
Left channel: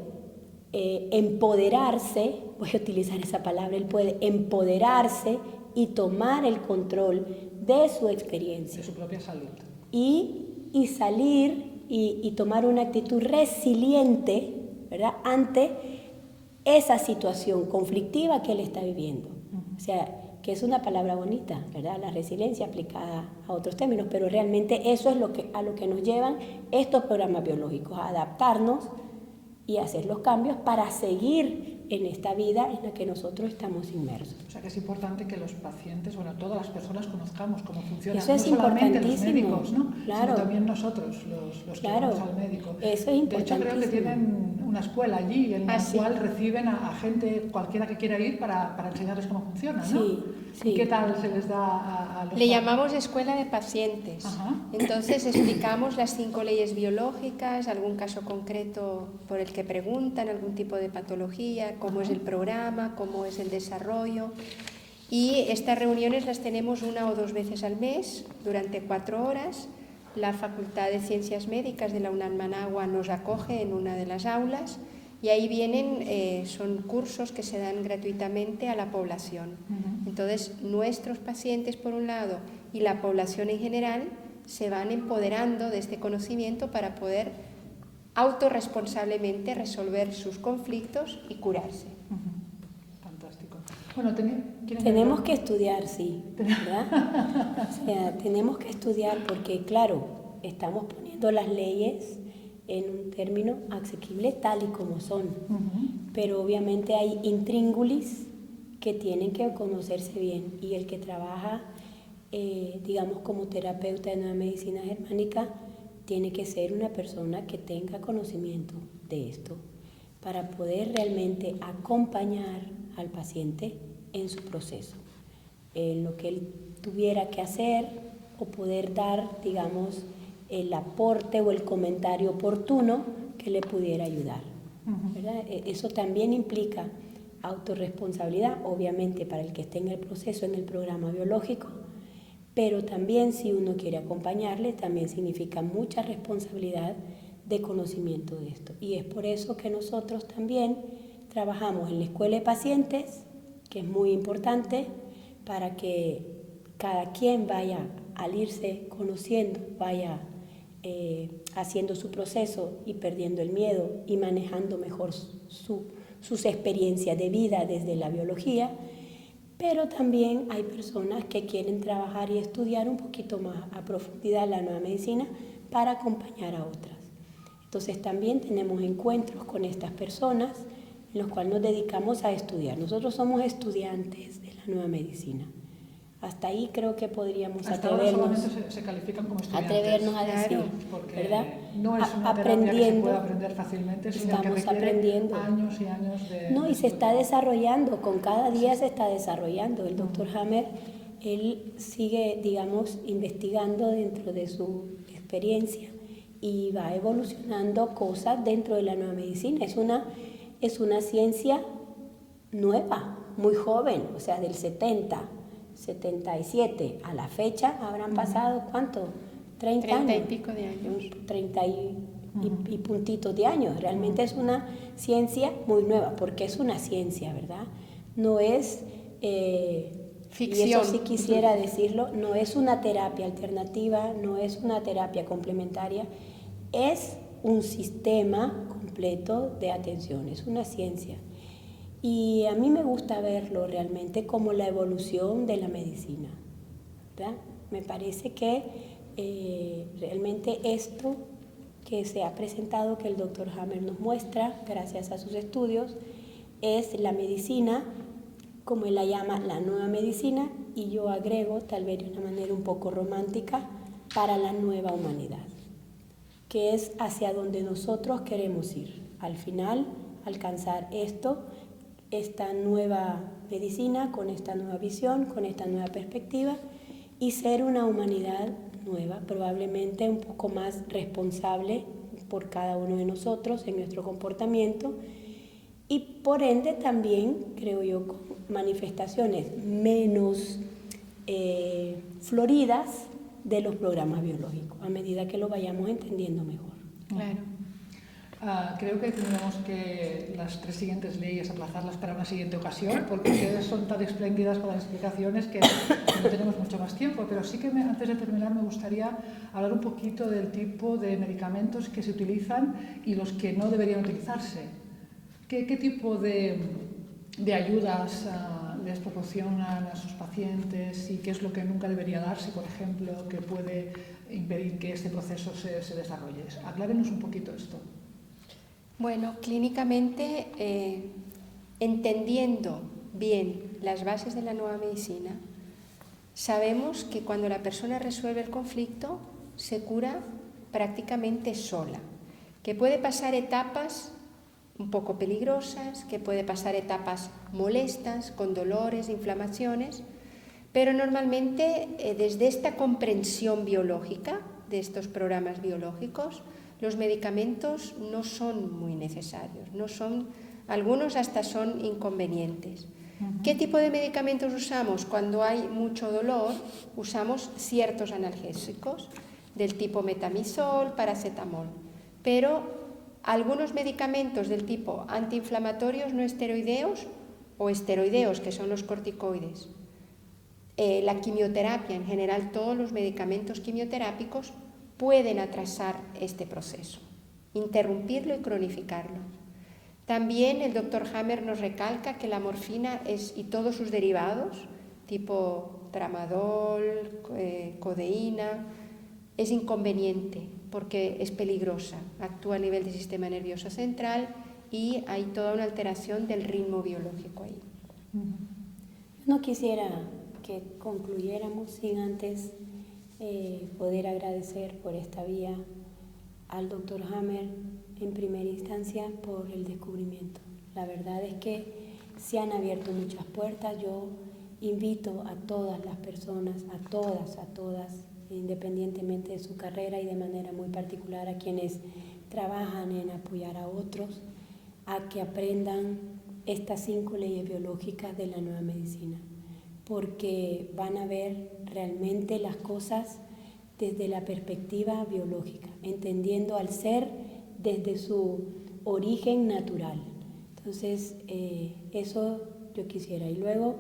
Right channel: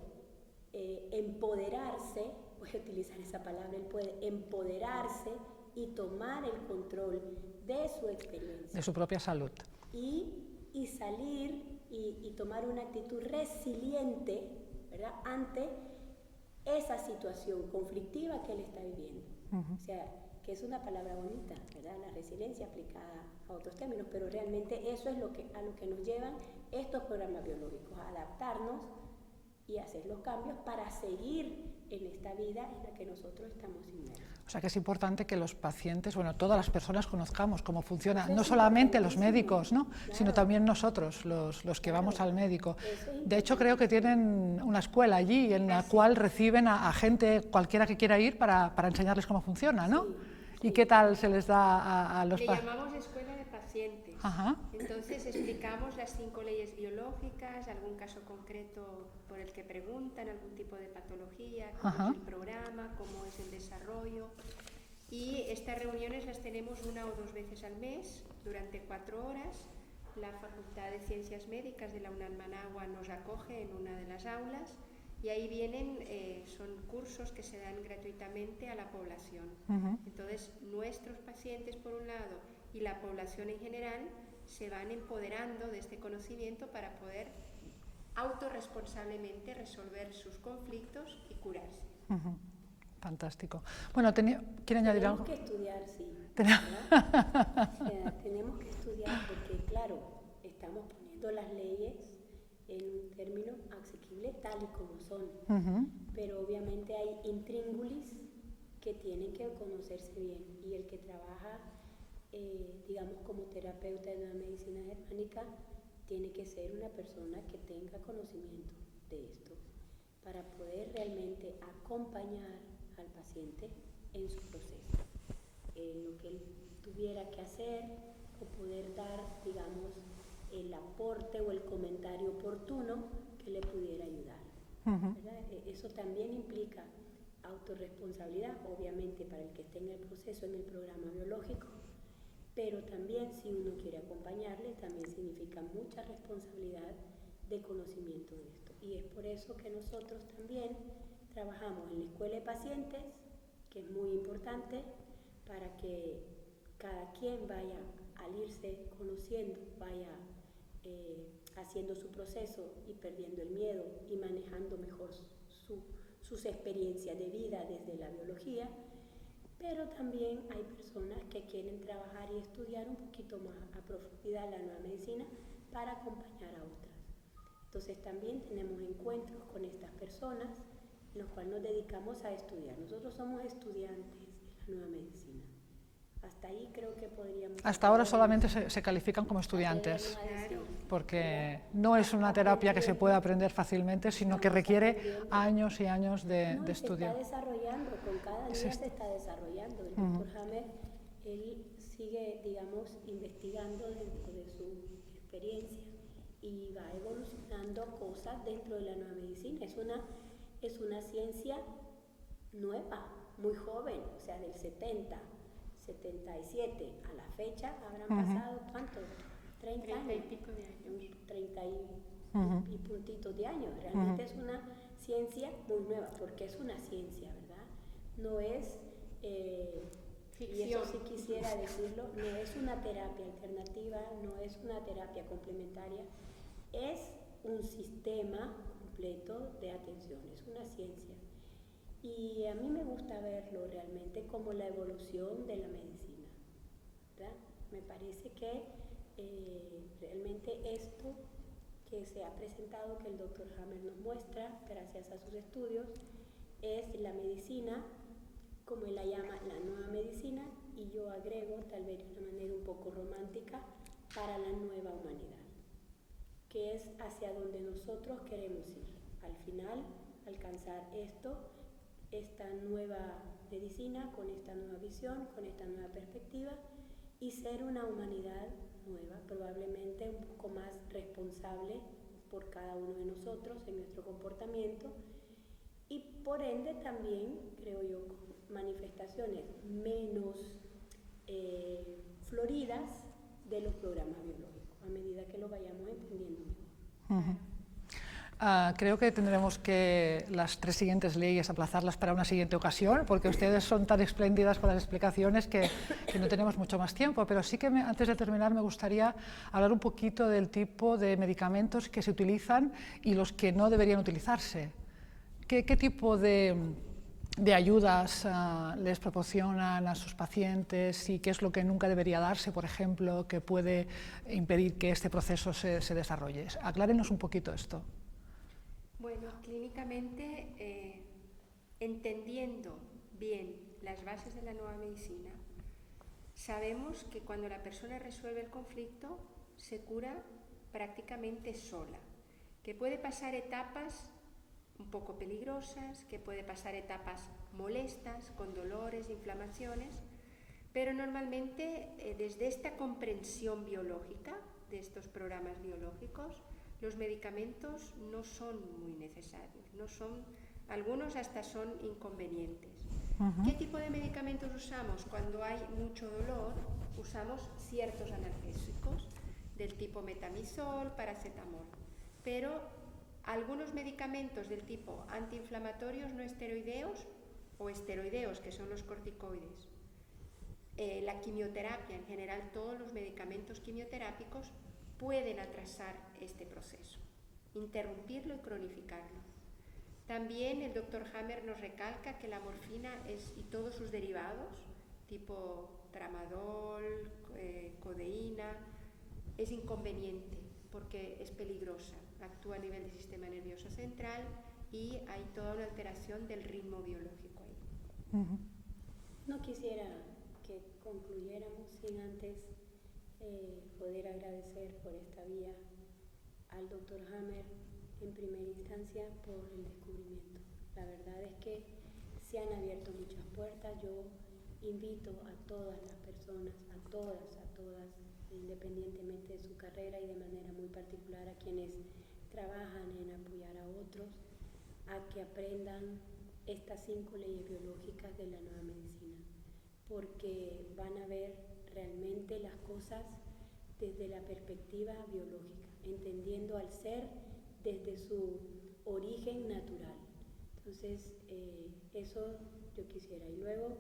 empoderarse, voy a utilizar esa palabra, él puede empoderarse y tomar el control de su experiencia. De su propia salud. Y salir y tomar una actitud resiliente, ¿verdad?, ante esa situación conflictiva que él está viviendo. O sea, que es una palabra bonita, ¿verdad?, la resiliencia aplicada a otros términos, pero realmente eso es a lo que nos llevan estos programas biológicos, a adaptarnos y hacer los cambios para seguir en esta vida en la que nosotros estamos inmersos. O sea que es importante que los pacientes, bueno, todas las personas conozcamos cómo funciona, Eso no es solamente los médicos, ¿no? Claro. Sino también nosotros, los que Claro. vamos al médico. Eso es de hecho, creo que tienen una escuela allí en la cual reciben a gente, cualquiera que quiera ir, para enseñarles cómo funciona, ¿no? Sí, sí. ¿Y qué tal se les da a los Le llamamos escuela de pacientes. Ajá. Entonces explicamos las 5 leyes biológicas, algún caso concreto por el que preguntan, algún tipo de patología, cómo es el programa, cómo es el desarrollo. Y estas reuniones las tenemos 1 o 2 veces al mes, durante 4 horas. La Facultad de Ciencias Médicas de la UNAM Managua nos acoge en una de las aulas y ahí vienen, son cursos que se dan gratuitamente a la población. Entonces, nuestros pacientes, por un lado, y la población en general, se van empoderando de este conocimiento para poder autorresponsablemente resolver sus conflictos y curarse. Fantástico. Bueno, tenemos que estudiar, sí, ¿verdad? O sea, tenemos que estudiar porque, claro, estamos poniendo las leyes en un término asequible tal y como son, pero obviamente hay intríngulis que tienen que conocerse bien, y el que trabaja, digamos, como terapeuta de nueva medicina germánica, tiene que ser una persona que tenga conocimiento de esto para poder realmente acompañar al paciente en su proceso, en lo que él tuviera que hacer, o poder dar, digamos, el aporte o el comentario oportuno que le pudiera ayudar, ¿verdad? Eso también implica autorresponsabilidad, obviamente, para el que esté en el proceso, en el programa biológico, pero también, si uno quiere acompañarle, también significa mucha responsabilidad de conocimiento de esto. Y es por eso que nosotros también trabajamos en la escuela de pacientes, que es muy importante para que cada quien vaya, al irse conociendo, vaya haciendo su proceso y perdiendo el miedo y manejando mejor sus experiencias de vida desde la biología. Pero también hay personas que quieren trabajar y estudiar un poquito más a profundidad la nueva medicina para acompañar a otras. Entonces también tenemos encuentros con estas personas en los cuales nos dedicamos a estudiar. Nosotros somos estudiantes de la nueva medicina. Hasta ahí creo que podríamos Hasta ahora solamente se califican como estudiantes. Atrevernos a decir, porque ¿verdad? no es una terapia que se pueda aprender fácilmente, sino que requiere años y años de No, y se estudio. está desarrollando, con cada día se está desarrollando. El doctor Hammer, él sigue, digamos, investigando dentro de su experiencia y va evolucionando cosas dentro de la nueva medicina. Es una ciencia nueva, muy joven, o sea, del 77 a la fecha habrán pasado, ¿cuánto? 30 años. 30 y pico de años. 30 y puntitos de años. Realmente es una ciencia muy nueva, porque es una ciencia, ¿verdad? No es ficción. Y eso sí quisiera decirlo, no es una terapia alternativa, no es una terapia complementaria, es un sistema completo de atención, es una ciencia. Y a mí me gusta verlo realmente como la evolución de la medicina, ¿verdad? Me parece que realmente esto que se ha presentado, que el doctor Hammer nos muestra, gracias a sus estudios, es la medicina, como él la llama, la nueva medicina, y yo agrego, tal vez de una manera un poco romántica, para la nueva humanidad, que es hacia donde nosotros queremos ir. Al final, alcanzar esta nueva medicina, con esta nueva visión, con esta nueva perspectiva, y ser una humanidad nueva, probablemente un poco más responsable por cada uno de nosotros en nuestro comportamiento, y por ende también, creo yo, con manifestaciones menos floridas de los programas biológicos, a medida que lo vayamos entendiendo mejor. Claro. Creo que tendremos que las 3 siguientes leyes aplazarlas para una siguiente ocasión, porque ustedes son tan espléndidas con las explicaciones que no tenemos mucho más tiempo. Pero sí que antes de terminar me gustaría hablar un poquito del tipo de medicamentos que se utilizan y los que no deberían utilizarse. ¿Qué tipo de ayudas les proporcionan a sus pacientes y qué es lo que nunca debería darse, por ejemplo, que puede impedir que este proceso se desarrolle? Aclárenos un poquito esto. Bueno, clínicamente, entendiendo bien las bases de la nueva medicina, sabemos que cuando la persona resuelve el conflicto, se cura prácticamente sola, que puede pasar etapas un poco peligrosas, que puede pasar etapas molestas, con dolores, inflamaciones, pero normalmente desde esta comprensión biológica de estos programas biológicos, los medicamentos no son muy necesarios, algunos hasta son inconvenientes. ¿Qué tipo de medicamentos usamos? Cuando hay mucho dolor, usamos ciertos analgésicos del tipo metamizol, paracetamol, pero algunos medicamentos del tipo antiinflamatorios no esteroideos o esteroideos, que son los corticoides, la quimioterapia, en general todos los medicamentos quimioterápicos pueden atrasar este proceso, interrumpirlo y cronificarlo. También el Dr. Hammer nos recalca que la morfina y todos sus derivados, tipo tramadol, codeína, es inconveniente porque es peligrosa, actúa a nivel del sistema nervioso central y hay toda una alteración del ritmo biológico ahí. No quisiera que concluyéramos sin antes poder agradecer por esta vía al Dr. Hammer en primera instancia por el descubrimiento. La verdad es que se han abierto muchas puertas. Yo invito a todas las personas, a todas, independientemente de su carrera y de manera muy particular a quienes trabajan en apoyar a otros, a que aprendan estas 5 leyes biológicas de la nueva medicina, porque van a ver realmente las cosas desde la perspectiva biológica, entendiendo al ser desde su origen natural. Entonces, eso yo quisiera. Y luego,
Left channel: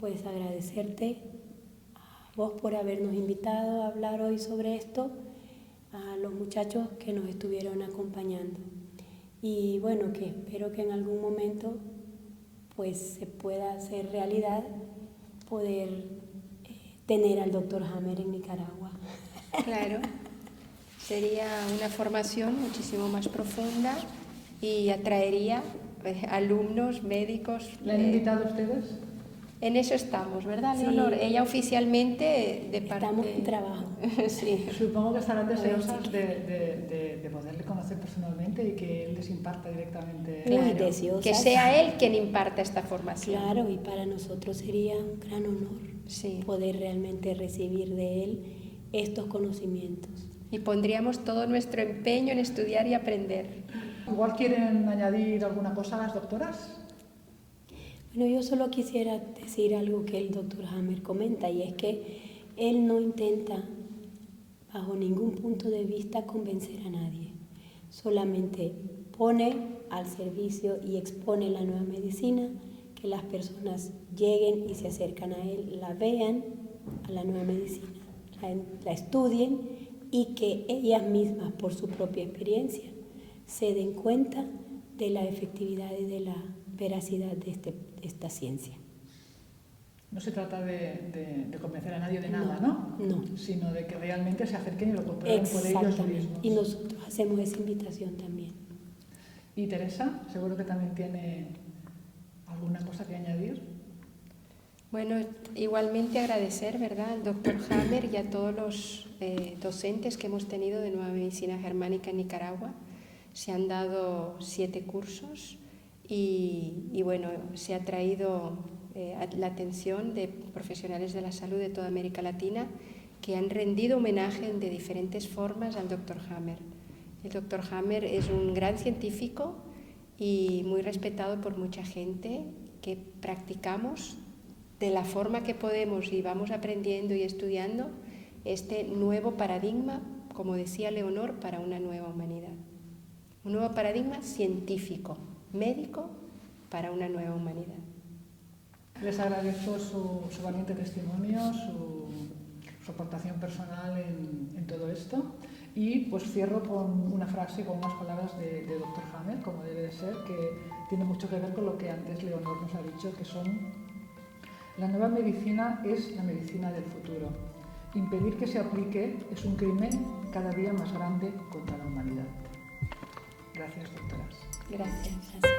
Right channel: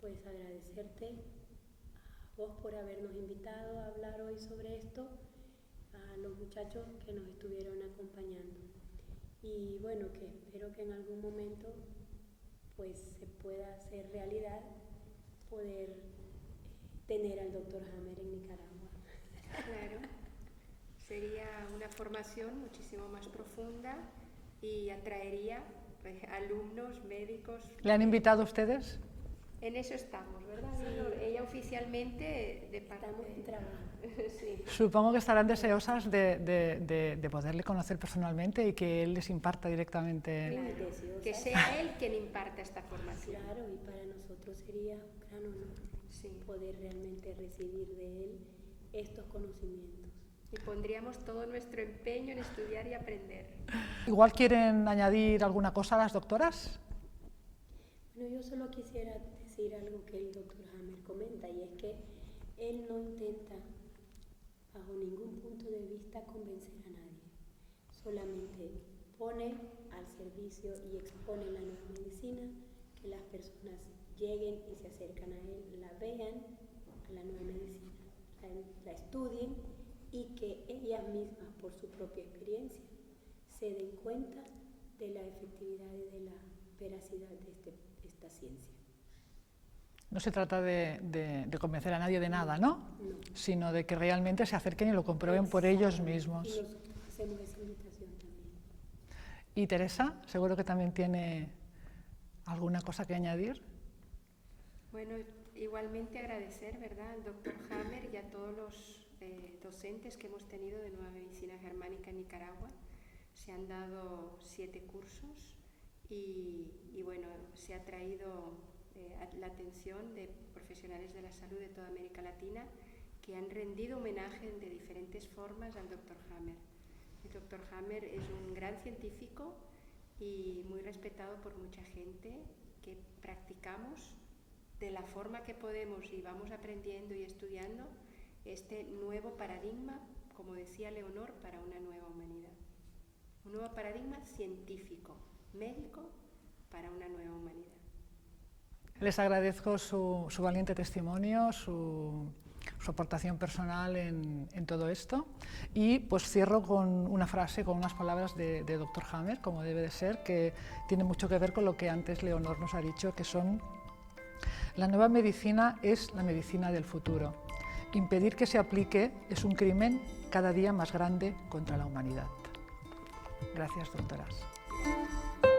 pues agradecerte a vos por habernos invitado a hablar hoy sobre esto, a los muchachos que nos estuvieron acompañando. Y bueno, que espero que en algún momento pues se pueda hacer realidad poder tener al Dr. Hammer en Nicaragua. Claro, sería una formación muchísimo más profunda y atraería alumnos, médicos. ¿Le han invitado a ustedes? En eso estamos, ¿verdad, Sí. Leonor? Ella oficialmente de parte... Estamos en trabajo. Sí. Supongo que estarán deseosas de poderle conocer personalmente y que él les imparta directamente. Muy deseosas. Que sea él quien imparta esta formación. Claro, y para nosotros sería un gran honor poder realmente recibir de él estos conocimientos. Y pondríamos todo nuestro empeño en estudiar y aprender. Igual quieren añadir alguna cosa a las doctoras. Bueno, yo solo quisiera decir algo que el Dr. Hammer comenta, y es que él no intenta bajo ningún punto de vista convencer a nadie, solamente pone al servicio y expone la nueva medicina, que las personas lleguen y se acercan a él, la vean, a la nueva medicina, la estudien y que ellas mismas, por su propia experiencia, se den cuenta de la efectividad y de la veracidad de esta ciencia. No se trata de convencer a nadie de nada, ¿no? No. Sino de que realmente se acerquen y lo comprueben por ellos mismos. Y nosotros hacemos esa invitación también. Y Teresa, seguro que también tiene alguna cosa que añadir. Bueno, igualmente agradecer, ¿verdad?, al Dr. Hammer y a todos los docentes que hemos tenido de Nueva Medicina Germánica en Nicaragua. Se han dado 7 cursos y bueno, se ha traído la atención de profesionales de la salud de toda América Latina que han rendido homenaje de diferentes formas al Dr. Hammer. El Dr. Hammer es un gran científico y muy respetado por mucha gente que practicamos de la forma que podemos y vamos aprendiendo y estudiando este nuevo paradigma, como decía Leonor, para una nueva humanidad. Un nuevo paradigma científico, médico, para una nueva humanidad. Les agradezco su valiente testimonio, su aportación personal en todo esto, y pues cierro con una frase, con unas palabras de Dr. Hammer, como debe de ser, que tiene mucho que ver con lo que antes Leonor nos ha dicho, que son: la nueva medicina es la medicina del futuro. Impedir que se aplique es un crimen cada día más grande contra la humanidad. Gracias, doctoras. Gracias.